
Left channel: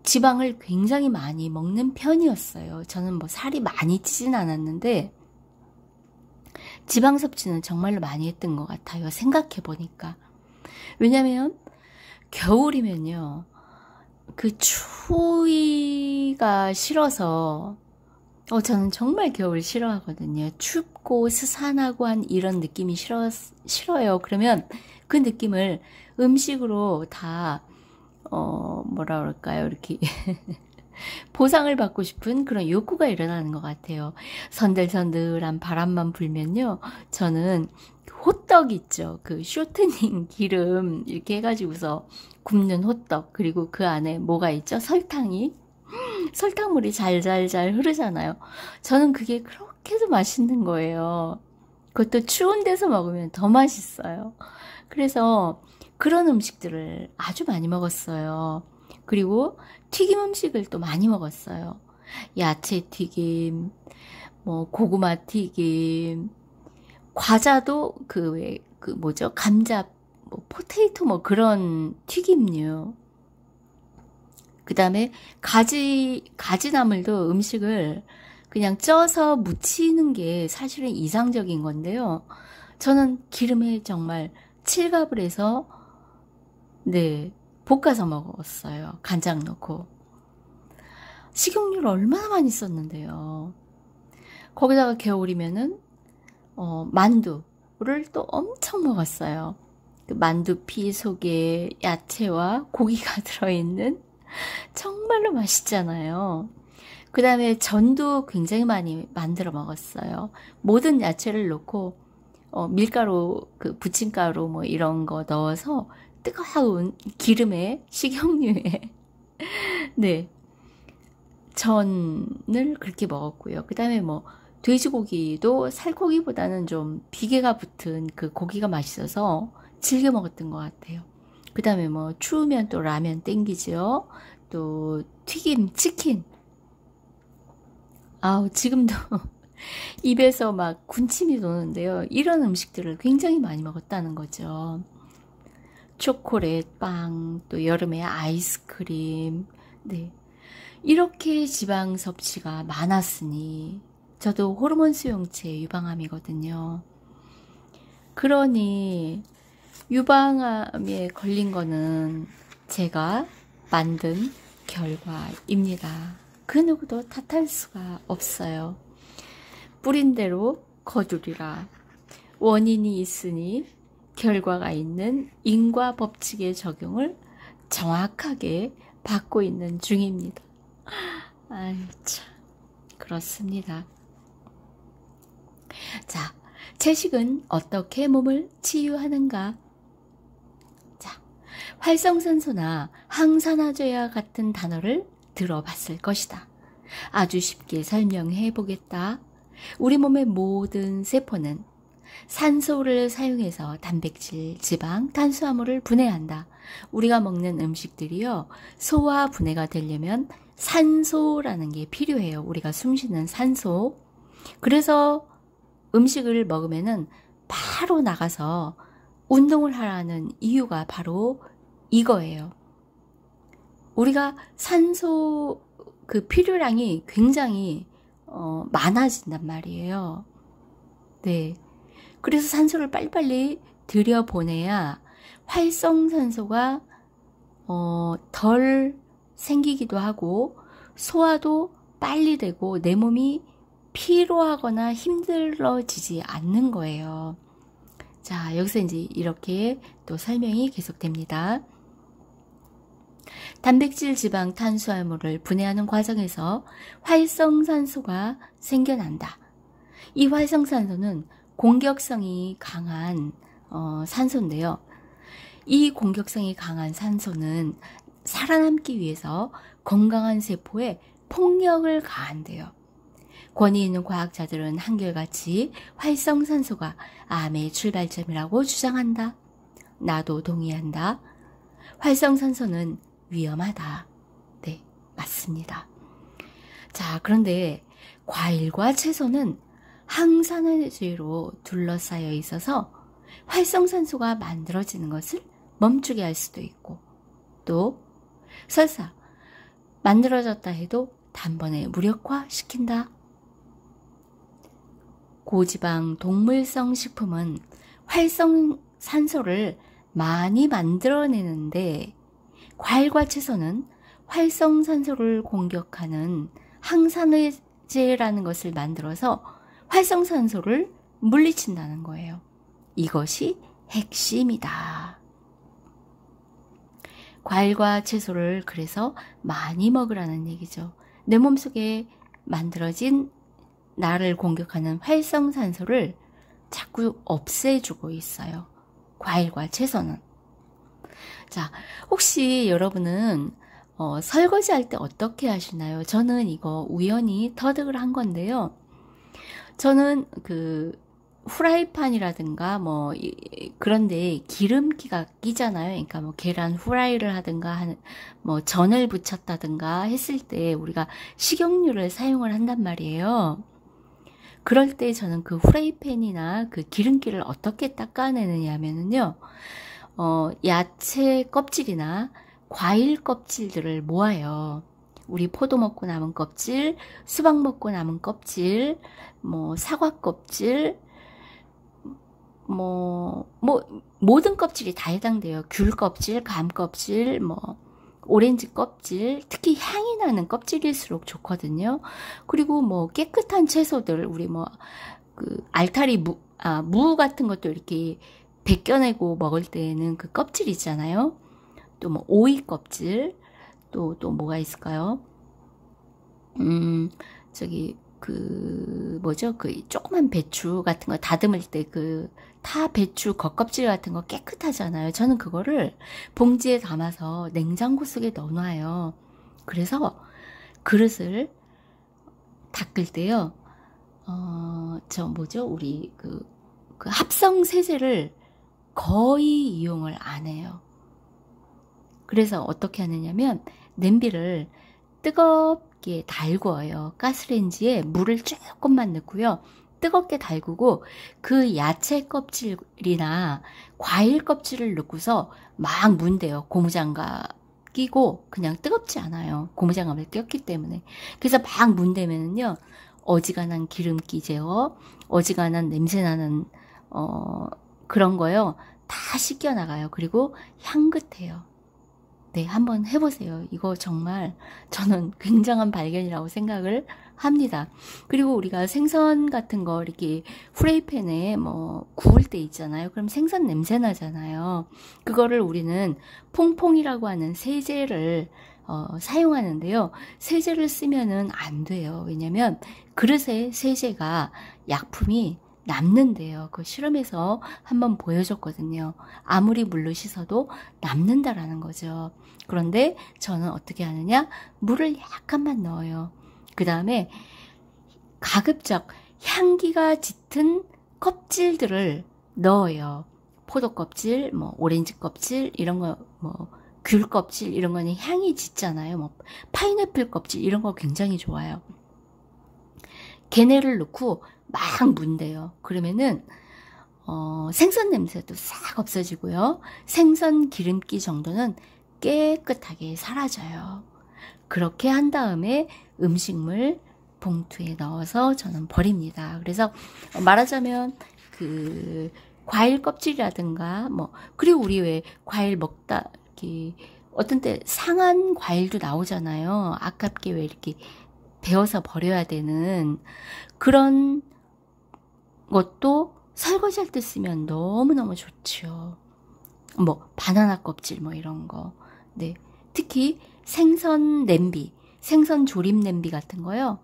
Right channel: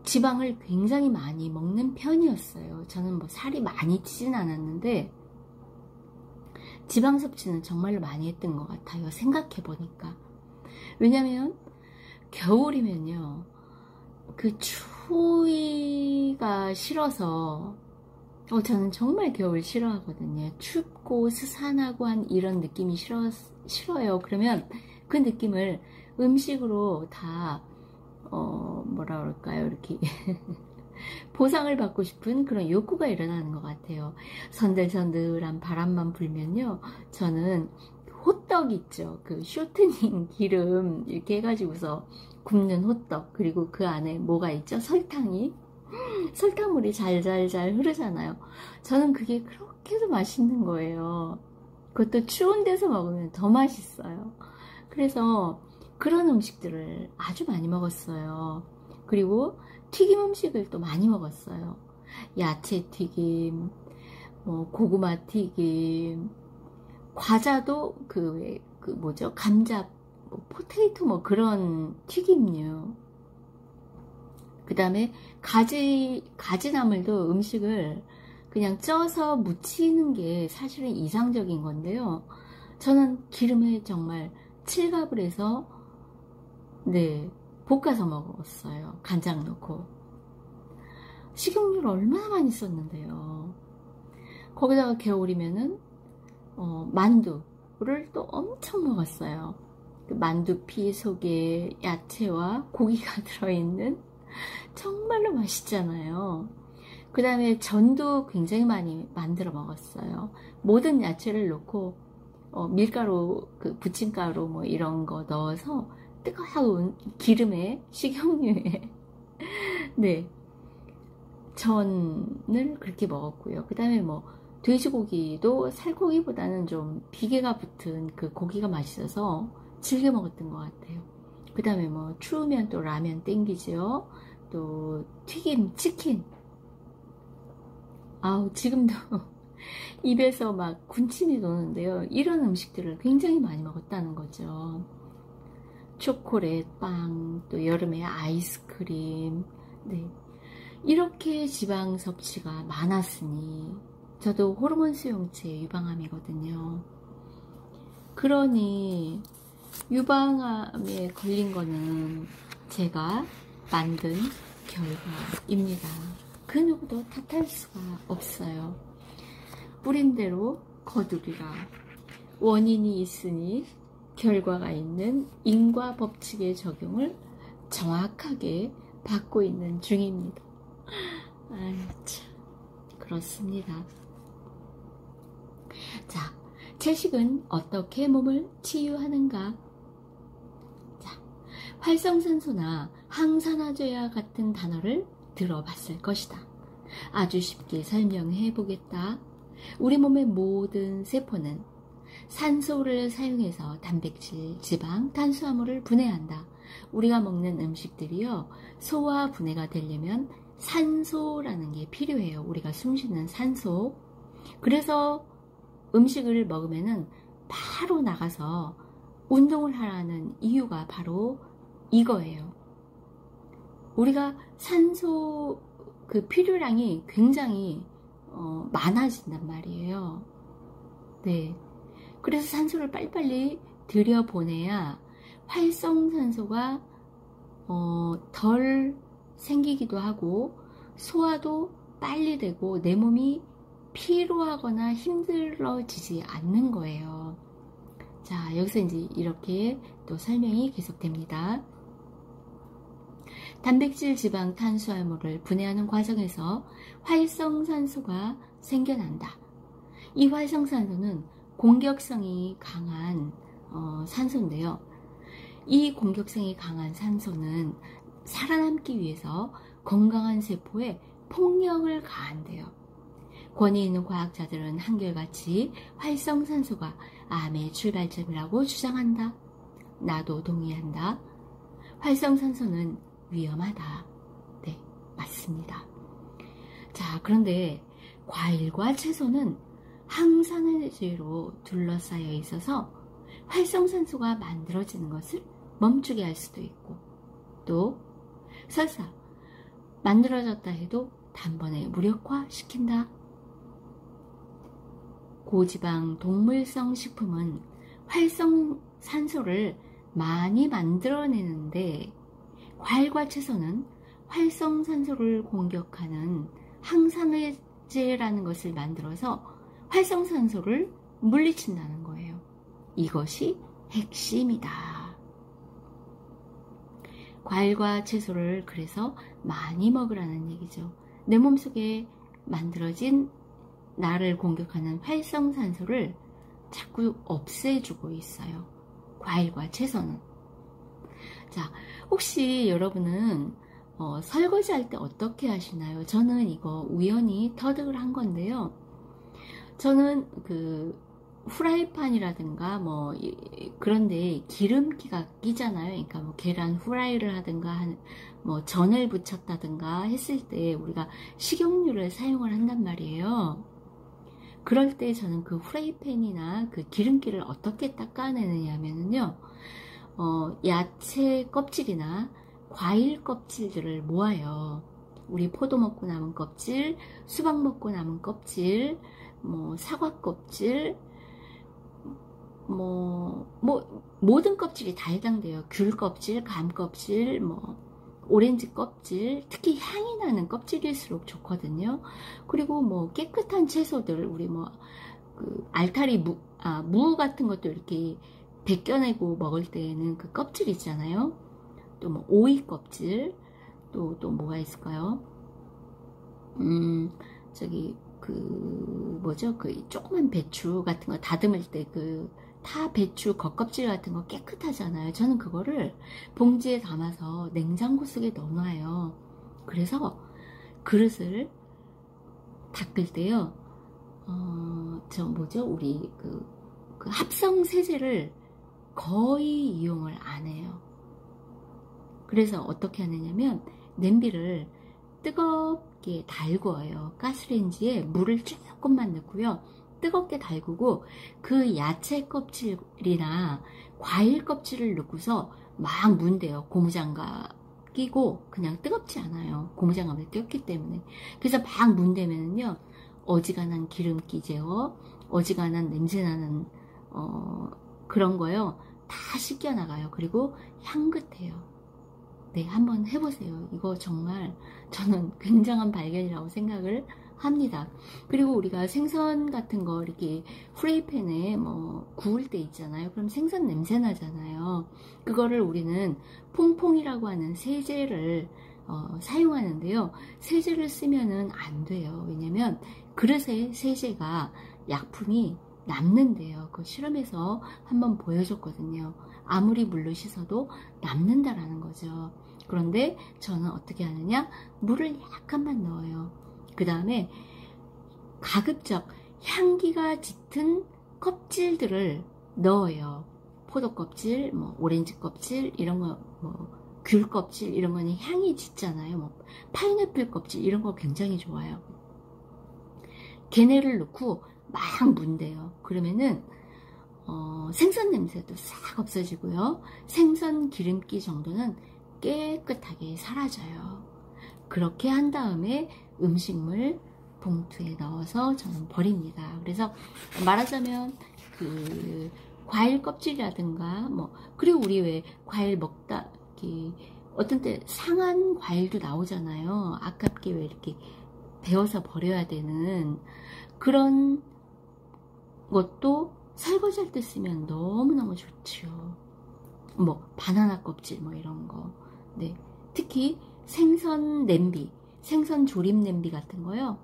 지방을 굉장히 많이 먹는 편이었어요. 저는 뭐 살이 많이 찌진 않았는데 지방 섭취는 정말로 많이 했던 것 같아요. 생각해 보니까. 왜냐면 겨울이면요, 그 추위가 싫어서, 저는 정말 겨울 싫어하거든요. 춥고 스산하고 한 이런 느낌이 싫어요. 그러면 그 느낌을 음식으로 다 뭐라 그럴까요? 이렇게 보상을 받고 싶은 그런 욕구가 일어나는 것 같아요. 선들선들한 바람만 불면요, 저는 호떡 있죠. 그 쇼트닝 기름 이렇게 해가지고서 굽는 호떡, 그리고 그 안에 뭐가 있죠? 설탕물이 잘잘잘 흐르잖아요. 저는 그게 그렇게도 맛있는 거예요. 그것도 추운 데서 먹으면 더 맛있어요. 그래서 그런 음식들을 아주 많이 먹었어요. 그리고 튀김 음식을 또 많이 먹었어요. 야채 튀김, 뭐 고구마 튀김, 과자도 그 뭐죠? 감자, 뭐 포테이토 뭐 그런 튀김류. 그 다음에 가지나물도 음식을 그냥 쪄서 무치는 게 사실은 이상적인 건데요. 저는 기름에 정말 칠갑을 해서 네, 볶아서 먹었어요. 간장 넣고. 식용유를 얼마나 많이 썼는데요. 거기다가 겨울이면은 만두를 또 엄청 먹었어요. 그 만두피 속에 야채와 고기가 들어있는 정말로 맛있잖아요. 그 다음에 전도 굉장히 많이 만들어 먹었어요. 모든 야채를 넣고 밀가루, 그 부침가루 뭐 이런 거 넣어서 뜨거운 기름에, 식용유에 네, 전을 그렇게 먹었고요. 그 다음에 뭐 돼지고기도 살코기보다는 좀 비계가 붙은 그 고기가 맛있어서 즐겨 먹었던 것 같아요. 그 다음에 뭐 추우면 또 라면 땡기죠. 또 튀김, 치킨. 아우, 지금도 입에서 막 군침이 도는데요. 이런 음식들을 굉장히 많이 먹었다는 거죠. 초콜릿, 빵, 또 여름에 아이스크림. 네, 이렇게 지방 섭취가 많았으니 저도 호르몬 수용체 유방암이거든요. 그러니 유방암에 걸린 거는 제가 만든 결과입니다. 그 누구도 탓할 수가 없어요. 뿌린 대로 거두리라. 원인이 있으니 결과가 있는 인과 법칙의 적용을 정확하게 받고 있는 중입니다. 아유, 참, 그렇습니다. 자, 채식은 어떻게 몸을 치유하는가? 자, 활성산소나 항산화제와 같은 단어를 들어봤을 것이다. 아주 쉽게 설명해 보겠다. 우리 몸의 모든 세포는 산소를 사용해서 단백질, 지방, 탄수화물을 분해한다. 우리가 먹는 음식들이요, 소화 분해가 되려면 산소라는 게 필요해요. 우리가 숨쉬는 산소. 그래서 음식을 먹으면은 바로 나가서 운동을 하라는 이유가 바로 이거예요. 우리가 산소 그 필요량이 굉장히 많아진단 말이에요. 네. 그래서 산소를 빨리빨리 들여보내야 활성산소가 덜 생기기도 하고 소화도 빨리 되고 내 몸이 피로하거나 힘들어지지 않는 거예요. 자, 여기서 이제 이렇게 또 설명이 계속됩니다. 단백질, 지방, 탄수화물을 분해하는 과정에서 활성산소가 생겨난다. 이 활성산소는 공격성이 강한 산소인데요. 이 공격성이 강한 산소는 살아남기 위해서 건강한 세포에 폭력을 가한대요. 권위 있는 과학자들은 한결같이 활성산소가 암의 출발점이라고 주장한다. 나도 동의한다. 활성산소는 위험하다. 네, 맞습니다. 자, 그런데 과일과 채소는 항산화제로 둘러싸여 있어서 활성산소가 만들어지는 것을 멈추게 할 수도 있고, 또 설사 만들어졌다 해도 단번에 무력화시킨다. 고지방 동물성 식품은 활성산소를 많이 만들어내는데, 과일과 채소는 활성산소를 공격하는 항산화제라는 것을 만들어서 활성산소를 물리친다는 거예요. 이것이 핵심이다. 과일과 채소를 그래서 많이 먹으라는 얘기죠. 내 몸속에 만들어진 나를 공격하는 활성산소를 자꾸 없애주고 있어요. 과일과 채소는. 자, 혹시 여러분은 설거지할 때 어떻게 하시나요? 저는 이거 우연히 터득을 한 건데요. 저는 그 후라이팬이라든가 뭐 그런데 기름기가 끼잖아요. 그러니까 뭐 계란 후라이를 하든가 뭐 전을 부쳤다든가 했을 때 우리가 식용유를 사용을 한단 말이에요. 그럴 때 저는 그 후라이팬이나 그 기름기를 어떻게 닦아내느냐 하면은요. 야채 껍질이나 과일 껍질들을 모아요. 우리 포도 먹고 남은 껍질, 수박 먹고 남은 껍질, 뭐 사과 껍질, 모든 껍질이 다 해당돼요. 귤 껍질, 감 껍질, 오렌지 껍질, 특히 향이 나는 껍질일수록 좋거든요. 그리고 뭐 깨끗한 채소들, 우리 그 알타리 무 같은 것도 이렇게 벗겨내고 먹을 때에는 그 껍질 있잖아요. 또 뭐 오이 껍질, 또 뭐가 있을까요? 저기 그 조그만 배추 같은 거 다듬을 때 그 배추 겉껍질 같은 거 깨끗하잖아요. 저는 그거를 봉지에 담아서 냉장고 속에 넣어놔요. 그래서 그릇을 닦을 때요. 우리 그 합성 세제를 거의 이용을 안 해요. 그래서 어떻게 하느냐면 냄비를 뜨겁게 달궈요. 가스레인지에 물을 조금만 넣고요. 뜨겁게 달구고 그 야채 껍질이나 과일 껍질을 넣고서 막 문대요. 고무장갑 끼고 그냥 뜨겁지 않아요. 고무장갑에 꼈기 때문에. 그래서 막 문대면은요. 어지간한 기름기 제어, 어지간한 냄새나는 그런 거요. 다 씻겨나가요. 그리고 향긋해요. 네, 한번 해보세요. 이거 정말 저는 굉장한 발견이라고 생각을 합니다. 그리고 우리가 생선 같은 거 이렇게 프라이팬에 구울 때 있잖아요. 그럼 생선 냄새 나잖아요. 그거를 우리는 퐁퐁이라고 하는 세제를 사용하는데요. 세제를 쓰면은 안 돼요. 왜냐면 그릇에 세제가 약품이 남는데요. 그 실험에서 한번 보여줬거든요. 아무리 물로 짙어도 남는다라는 거죠. 그런데 저는 어떻게 하느냐? 물을 약간만 넣어요. 그 다음에 가급적 향기가 짙은 껍질들을 넣어요. 포도 껍질, 오렌지 껍질, 이런 거, 귤 껍질, 이런 거는 향이 짙잖아요. 파인애플 껍질, 이런 거 굉장히 좋아요. 걔네를 넣고 막 문대요. 그러면은 생선 냄새도 싹 없어지고요. 생선 기름기 정도는 깨끗하게 사라져요. 그렇게 한 다음에 음식물 봉투에 넣어서 저는 버립니다. 그래서 말하자면 그 과일 껍질이라든가 그리고 우리 왜 과일 먹다 이렇게 어떤 때 상한 과일도 나오잖아요. 아깝게 왜 이렇게 베어서 버려야 되는 그런 것도 설거지할 때 쓰면 너무너무 좋죠. 뭐 바나나 껍질 뭐 이런 거. 네. 특히 생선 냄비, 생선 조림 냄비 같은 거요.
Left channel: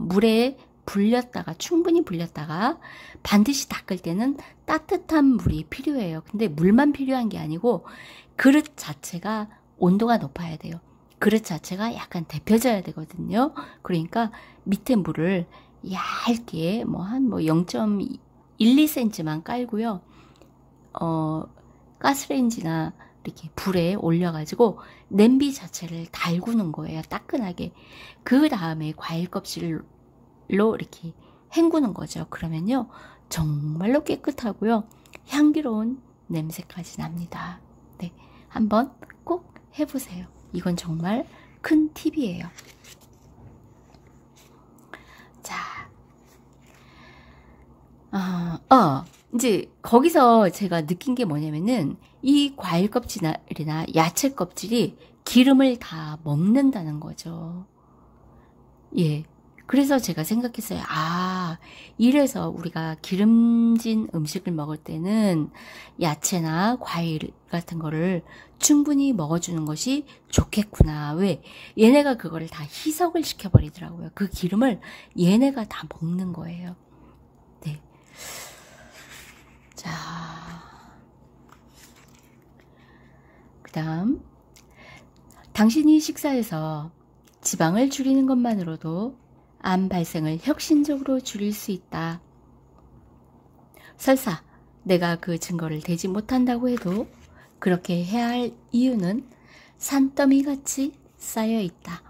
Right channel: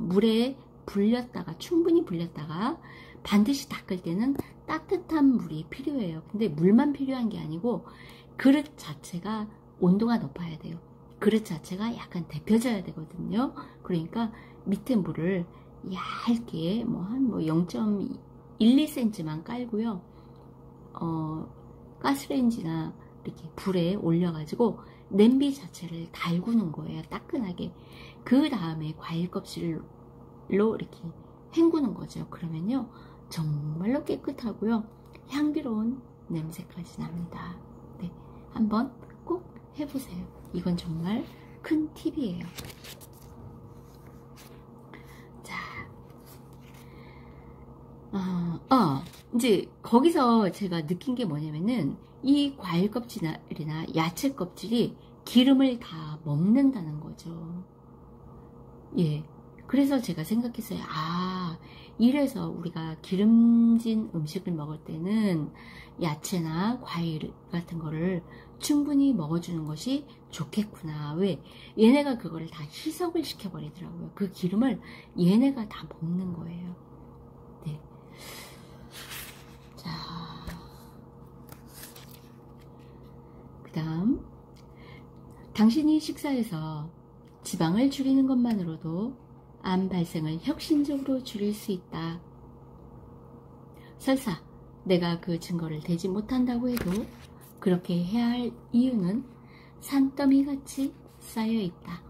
물에 불렸다가 충분히 불렸다가 반드시 닦을 때는 따뜻한 물이 필요해요. 근데 물만 필요한 게 아니고 그릇 자체가 온도가 높아야 돼요. 그릇 자체가 약간 데펴져야 되거든요. 그러니까 밑에 물을 얇게 한 0.1, 2cm만 깔고요. 가스레인지나 이렇게 불에 올려가지고 냄비 자체를 달구는 거예요. 따끈하게. 그 다음에 과일 껍질로 이렇게 헹구는 거죠. 그러면요 정말로 깨끗하고요 향기로운 냄새까지 납니다. 네, 한번 꼭 해보세요. 이건 정말 큰 팁이에요. 자, 이제 거기서 제가 느낀 게 뭐냐면은 이 과일 껍질이나 야채 껍질이 기름을 다 먹는다는 거죠. 예. 그래서 제가 생각했어요. 이래서 우리가 기름진 음식을 먹을 때는 야채나 과일 같은 거를 충분히 먹어주는 것이 좋겠구나. 왜? 얘네가 그거를 다 희석을 시켜버리더라고요. 그 기름을 얘네가 다 먹는 거예요. 네. 자, 그 다음 당신이 식사에서 지방을 줄이는 것만으로도 암 발생을 혁신적으로 줄일 수 있다. 설사 내가 그 증거를 대지 못한다고 해도 그렇게 해야 할 이유는 산더미같이 쌓여 있다.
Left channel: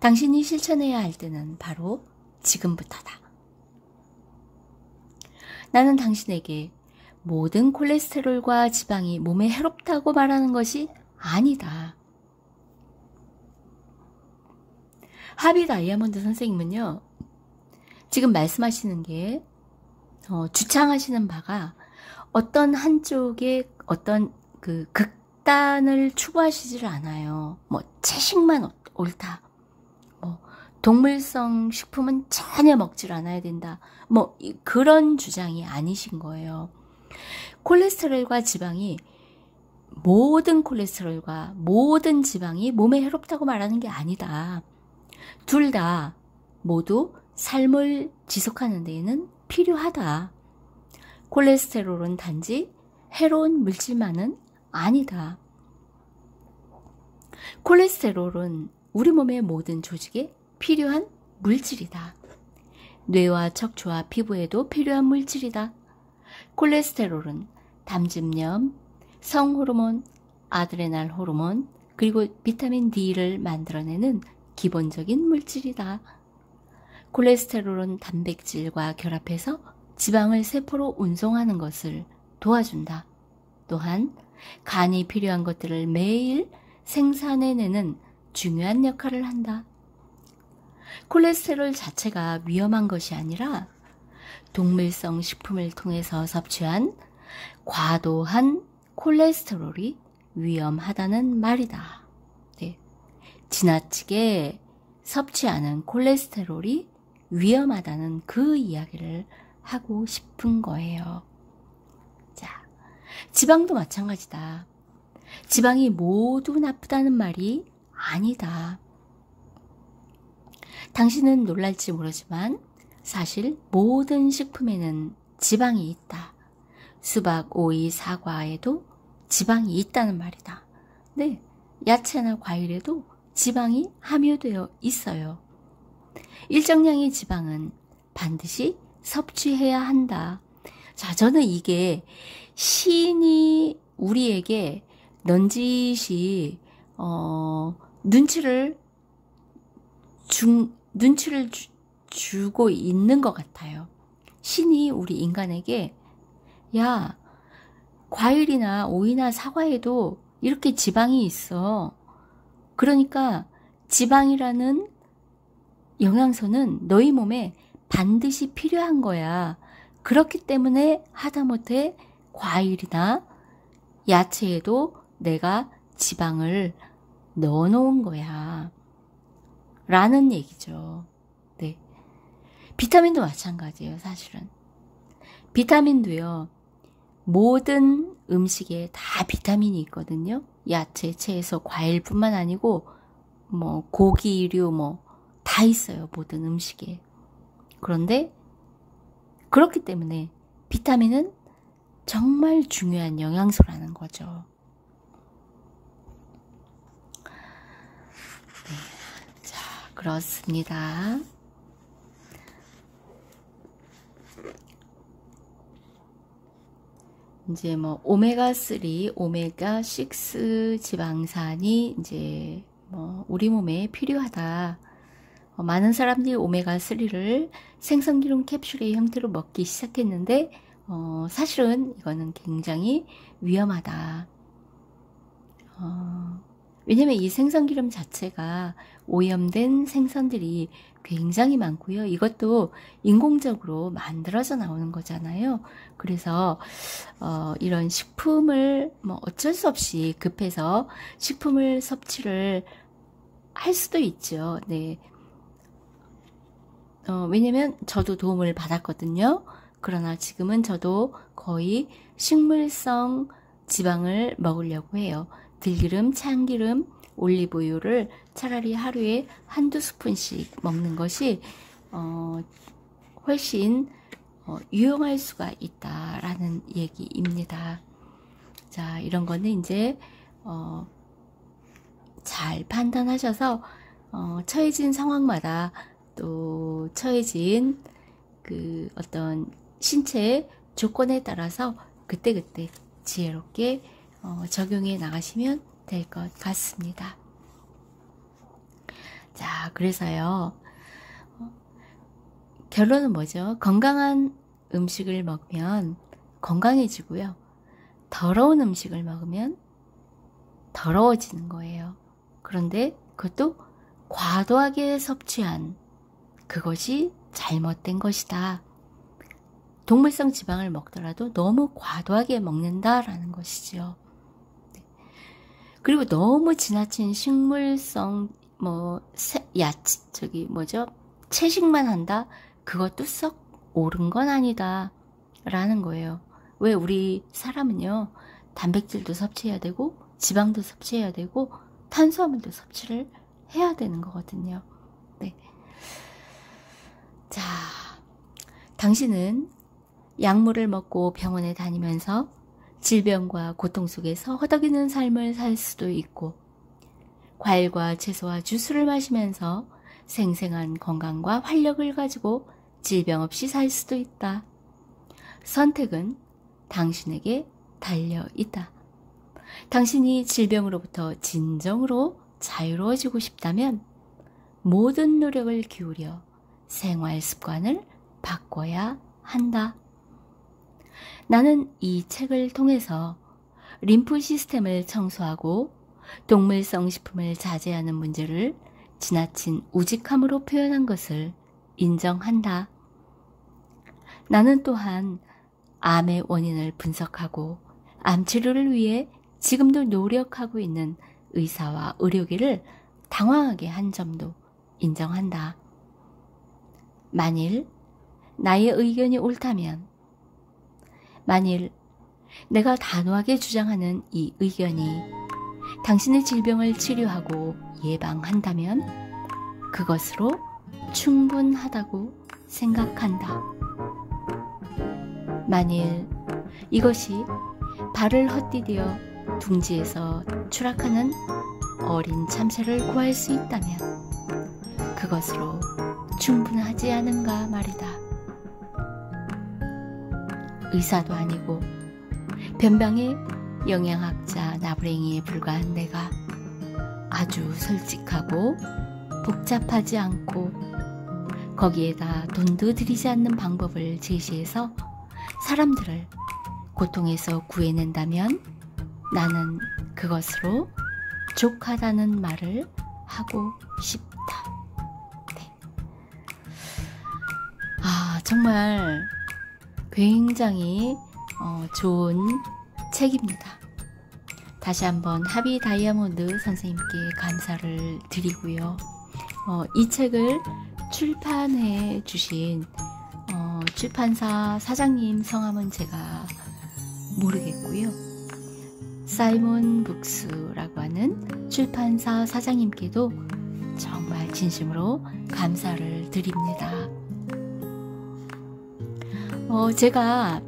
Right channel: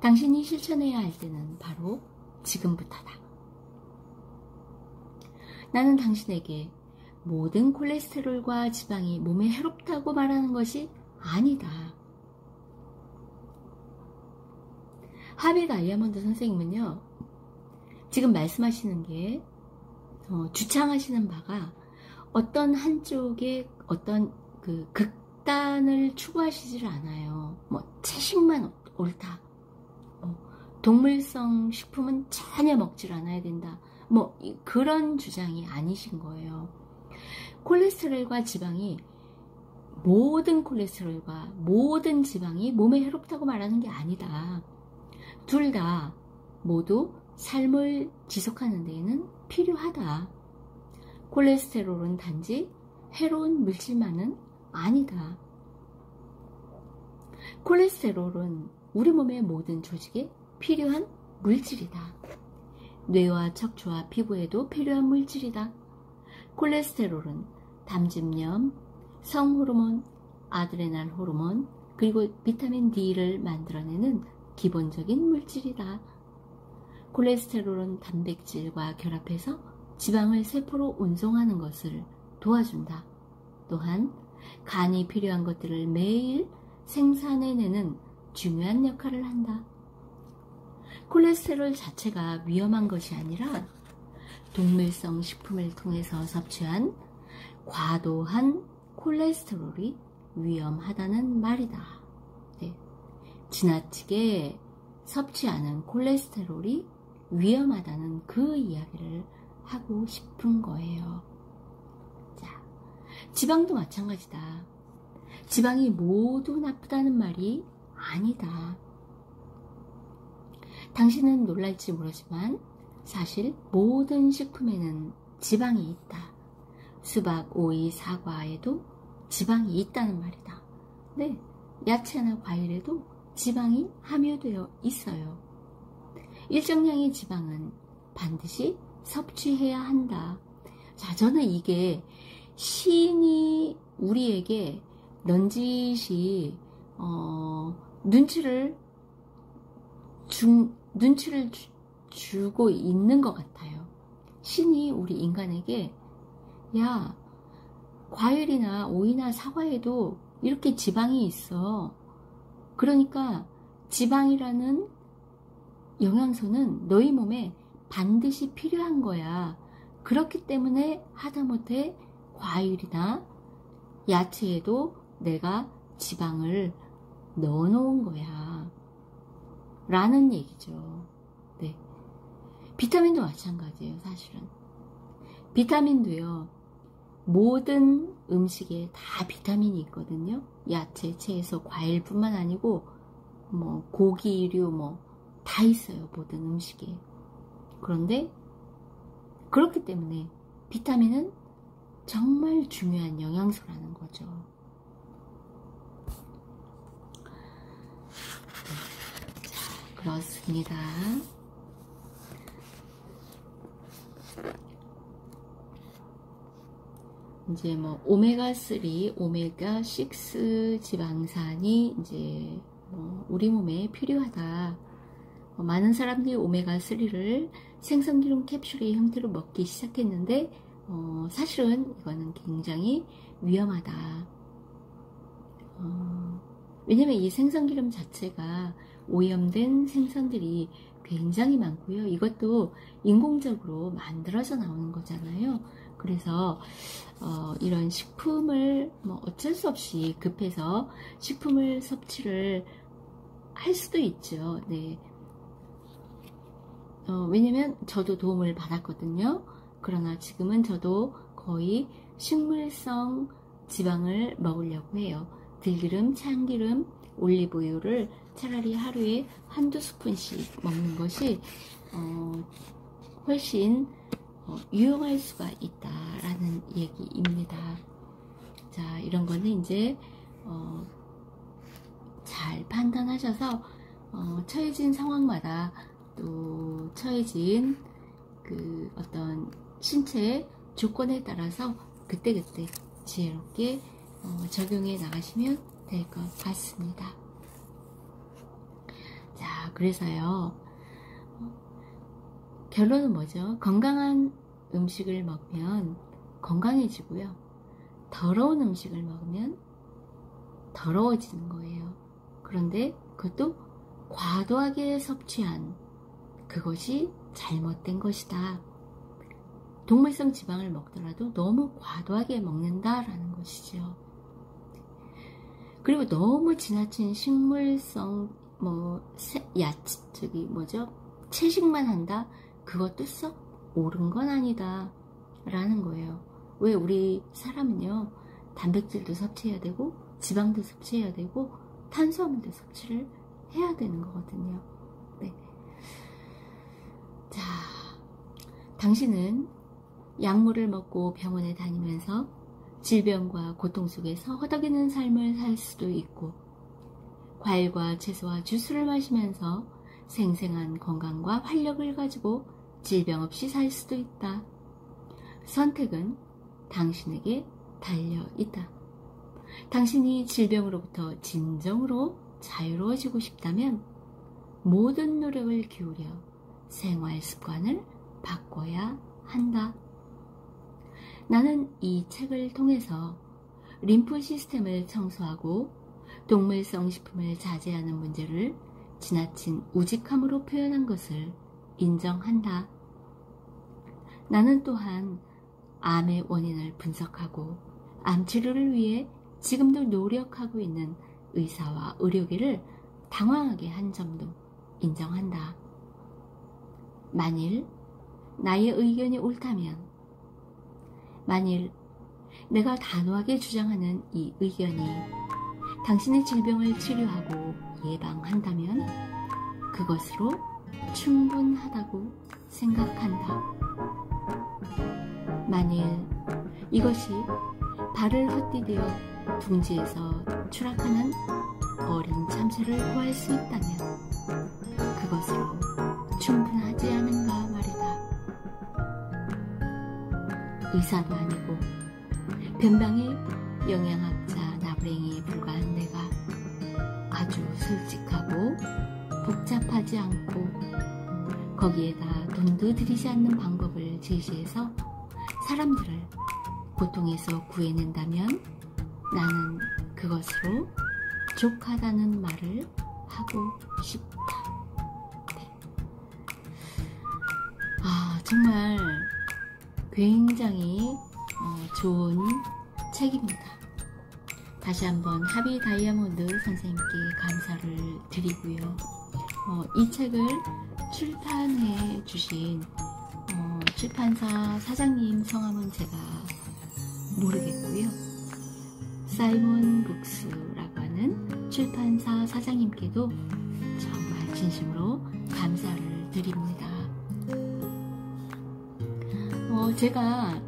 당신이 실천해야 할 때는 바로 지금부터다. 나는 당신에게 모든 콜레스테롤과 지방이 몸에 해롭다고 말하는 것이 아니다. 하비 다이아몬드 선생님은요, 지금 말씀하시는 게 주창하시는 바가 어떤 한쪽에 어떤 그 극단을 추구하시질 않아요. 채식만 옳다. 동물성 식품은 전혀 먹질 않아야 된다. 그런 주장이 아니신 거예요. 콜레스테롤과 지방이 모든 콜레스테롤과 모든 지방이 몸에 해롭다고 말하는 게 아니다. 둘 다 모두 삶을 지속하는 데에는 필요하다. 콜레스테롤은 단지 해로운 물질만은 아니다. 콜레스테롤은 우리 몸의 모든 조직에 필요한 물질이다. 뇌와 척추와 피부에도 필요한 물질이다. 콜레스테롤은 담즙염, 성호르몬, 아드레날 호르몬, 그리고 비타민 D를 만들어내는 기본적인 물질이다. 콜레스테롤은 단백질과 결합해서 지방을 세포로 운송하는 것을 도와준다. 또한 간이 필요한 것들을 매일 생산해내는 중요한 역할을 한다. 콜레스테롤 자체가 위험한 것이 아니라 동물성 식품을 통해서 섭취한 과도한 콜레스테롤이 위험하다는 말이다. 네. 지나치게 섭취하는 콜레스테롤이 위험하다는 그 이야기를 하고 싶은 거예요. 자, 지방도 마찬가지다. 지방이 모두 나쁘다는 말이 아니다. 당신은 놀랄지 모르지만 사실 모든 식품에는 지방이 있다. 수박, 오이, 사과에도 지방이 있다는 말이다. 네, 야채나 과일에도 지방이 함유되어 있어요. 일정량의 지방은 반드시 섭취해야 한다. 자, 저는 이게 신이 우리에게 넌지시 눈치를 주고 있는 것 같아요. 신이 우리 인간에게 야, 과일이나 오이나 사과에도 이렇게 지방이 있어. 그러니까 지방이라는 영양소는 너희 몸에 반드시 필요한 거야. 그렇기 때문에 하다못해 과일이나 야채에도 내가 지방을 넣어 놓은 거야 라는 얘기죠. 네. 비타민도 마찬가지예요. 사실은 비타민도요, 모든 음식에 다 비타민이 있거든요. 야채, 채소, 과일뿐만 아니고 뭐 고기류 뭐 다 있어요. 모든 음식에. 그런데 그렇기 때문에 비타민은 정말 중요한 영양소라는 거죠. 네. 자, 그렇습니다. 이제 뭐 오메가3, 오메가6 지방산이 이제 뭐 우리 몸에 필요하다. 많은 사람들이 오메가3를 생선기름 캡슐의 형태로 먹기 시작했는데 사실은 이거는 굉장히 위험하다. 왜냐면 이 생선기름 자체가 오염된 생선들이 굉장히 많고요. 이것도 인공적으로 만들어져 나오는 거잖아요. 그래서 이런 식품을 뭐 어쩔 수 없이 급해서 식품을 섭취를 할 수도 있죠. 네. 왜냐면 저도 도움을 받았거든요. 그러나 지금은 저도 거의 식물성 지방을 먹으려고 해요. 들기름, 참기름, 올리브유를 차라리 하루에 한두 스푼씩 먹는 것이 훨씬 유용할 수가 있다라는 얘기입니다. 자, 이런 거는 이제 잘 판단하셔서 처해진 상황마다 또 처해진 그 어떤 신체 조건에 따라서 그때그때 지혜롭게 적용해 나가시면 될 것 같습니다. 자, 그래서요, 결론은 뭐죠? 건강한 음식을 먹으면 건강해지고요. 더러운 음식을 먹으면 더러워지는 거예요. 그런데 그것도 과도하게 섭취한 그것이 잘못된 것이다. 동물성 지방을 먹더라도 너무 과도하게 먹는다라는 것이죠. 그리고 너무 지나친 식물성 채식만 한다? 그것도 썩 옳은 건 아니다 라는 거예요. 왜 우리 사람은요, 단백질도 섭취해야 되고 지방도 섭취해야 되고 탄수화물도 섭취를 해야 되는 거거든요. 네. 자, 당신은 약물을 먹고 병원에 다니면서 질병과 고통 속에서 허덕이는 삶을 살 수도 있고, 과일과 채소와 주스를 마시면서 생생한 건강과 활력을 가지고 질병 없이 살 수도 있다. 선택은 당신에게 달려 있다. 당신이 질병으로부터 진정으로 자유로워지고 싶다면 모든 노력을 기울여 생활 습관을 바꿔야 한다. 나는 이 책을 통해서 림프 시스템을 청소하고 동물성 식품을 자제하는 문제를 지나친 우직함으로 표현한 것을 인정한다. 나는 또한 암의 원인을 분석하고 암 치료를 위해 지금도 노력하고 있는 의사와 의료계를 당황하게 한 점도 인정한다. 만일 나의 의견이 옳다면, 만일 내가 단호하게 주장하는 이 의견이 당신의 질병을 치료하고 예방한다면 그것으로 충분하다고 생각한다. 만일 이것이 발을 헛디뎌 둥지에서 추락하는 어린 참새를 구할 수 있다면 그것으로 충분하지 않은가 말이다. 의사도 아니고 변방의 영양학자 나부랭이에 불과한 내가 아주 솔직하고 복잡하지 않고 거기에다 돈도 들이지 않는 방법을 제시해서 사람들을 고통에서 구해낸다면 나는 그것으로 족하다는 말을 하고 싶다. 네. 정말 굉장히 좋은 책입니다. 다시 한번 하비 다이아몬드 선생님께 감사를 드리고요. 이 책을 출판해 주신 출판사 사장님 성함은 제가 모르겠고요. 사이먼 북스라고 하는 출판사 사장님께도 정말 진심으로 감사를 드립니다. 제가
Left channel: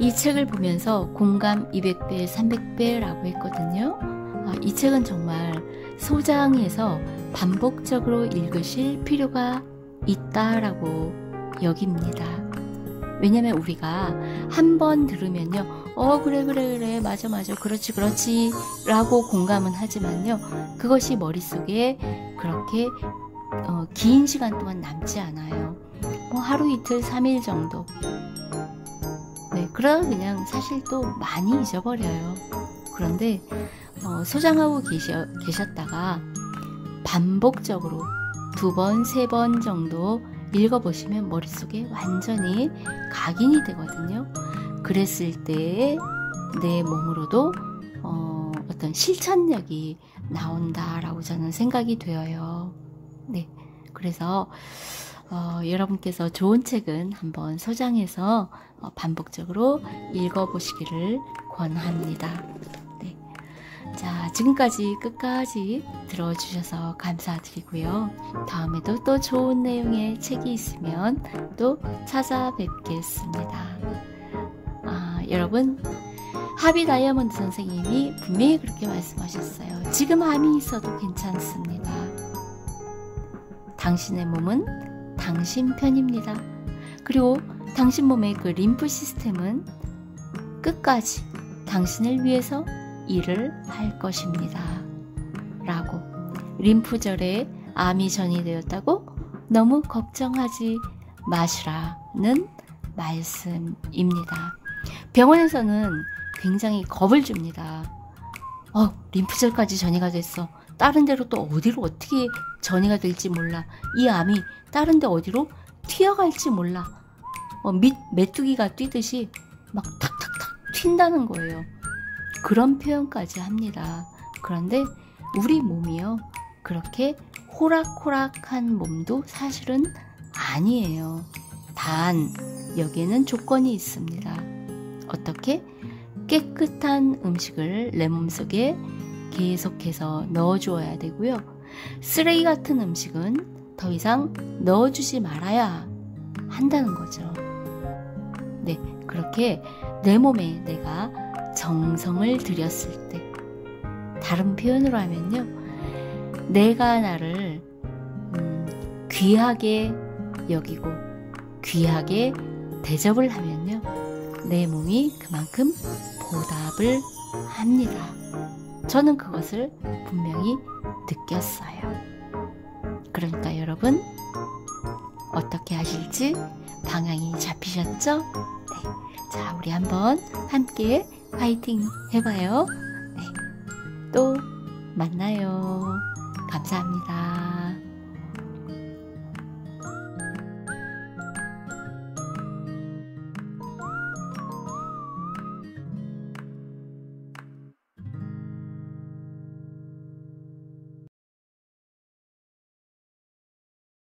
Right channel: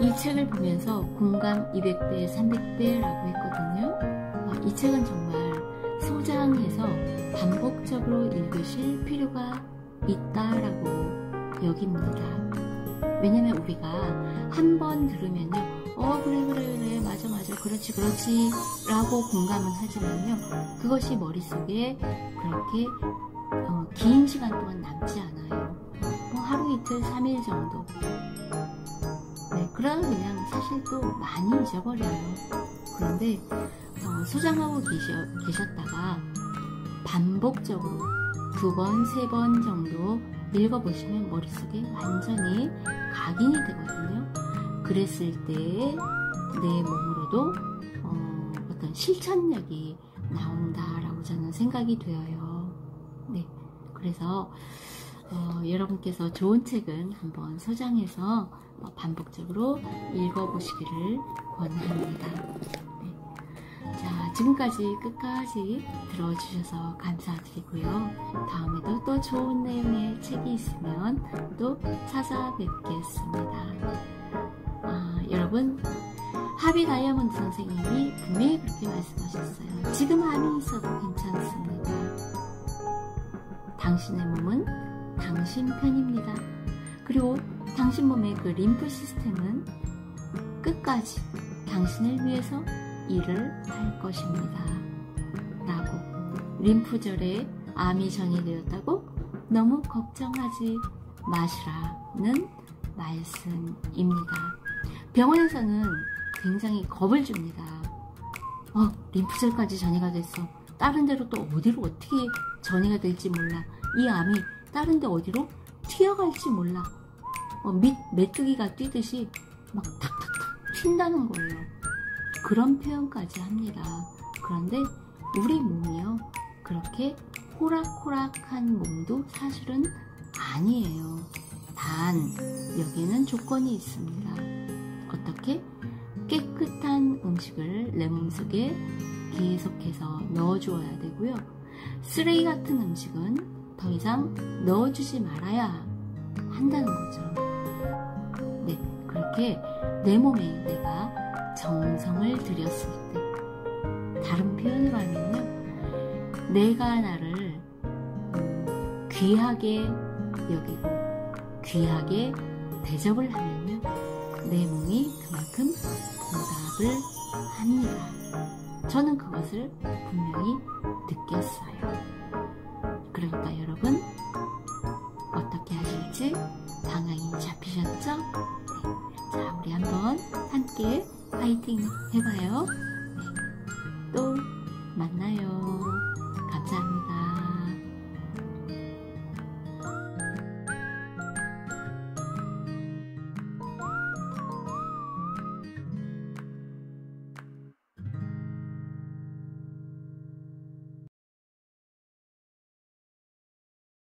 이 책을 보면서 공감 200배, 300배라고 했거든요. 이 책은 정말 소장해서 반복적으로 읽으실 필요가 있다라고 여깁니다. 왜냐면 우리가 한 번 들으면요, 그래, 맞아, 그렇지 라고 공감은 하지만요, 그것이 머릿속에 그렇게 긴 시간 동안 남지 않아요. 하루 이틀 3일 정도. 네, 그럼 그냥 사실 또 많이 잊어버려요. 그런데 소장하고 계셨다가 반복적으로 2번, 3번 정도 읽어보시면 머릿속에 완전히 각인이 되거든요. 그랬을 때 내 몸으로도 어떤 실천력이 나온다라고 저는 생각이 되어요. 네, 그래서 여러분께서 좋은 책은 한번 소장해서 반복적으로 읽어보시기를 권합니다. 네. 자, 지금까지 끝까지 들어주셔서 감사드리고요. 다음에도 또 좋은 내용의 책이 있으면 또 찾아뵙겠습니다. 여러분, 하비 다이아몬드 선생님이 분명히 그렇게 말씀하셨어요. 지금 암이 있어도 괜찮습니다. 당신의 몸은 당신 편입니다. 그리고 당신 몸의 그 림프 시스템은 끝까지 당신을 위해서 일을 할 것입니다. 라고. 림프절에 암이 전이되었다고 너무 걱정하지 마시라는 말씀입니다. 병원에서는 굉장히 겁을 줍니다. 림프절까지 전이가 됐어. 다른 데로 또 어디로 어떻게 전이가 될지 몰라. 이 암이 다른 데 어디로 튀어갈지 몰라. 메뚜기가 뛰듯이 막 탁탁탁 튄다는 거예요. 그런 표현까지 합니다. 그런데 우리 몸이요, 그렇게 호락호락한 몸도 사실은 아니에요. 단 여기에는 조건이 있습니다. 어떻게? 깨끗한 음식을 내 몸속에 계속해서 넣어주어야 되고요. 쓰레기 같은 음식은 더 이상 넣어주지 말아야 한다는 거죠. 네, 그렇게 내 몸에 내가 정성을 들였을 때, 다른 표현으로 하면요, 내가 나를 귀하게 여기고 귀하게 대접을 하면요, 내 몸이 그만큼 보답을 합니다. 저는 그것을 분명히 느꼈어요. 그러니까 여러분, 어떻게 하실지 방향이 잡히셨죠? 네. 자, 우리 한번 함께 파이팅 해봐요. 네. 또 만나요. 감사합니다.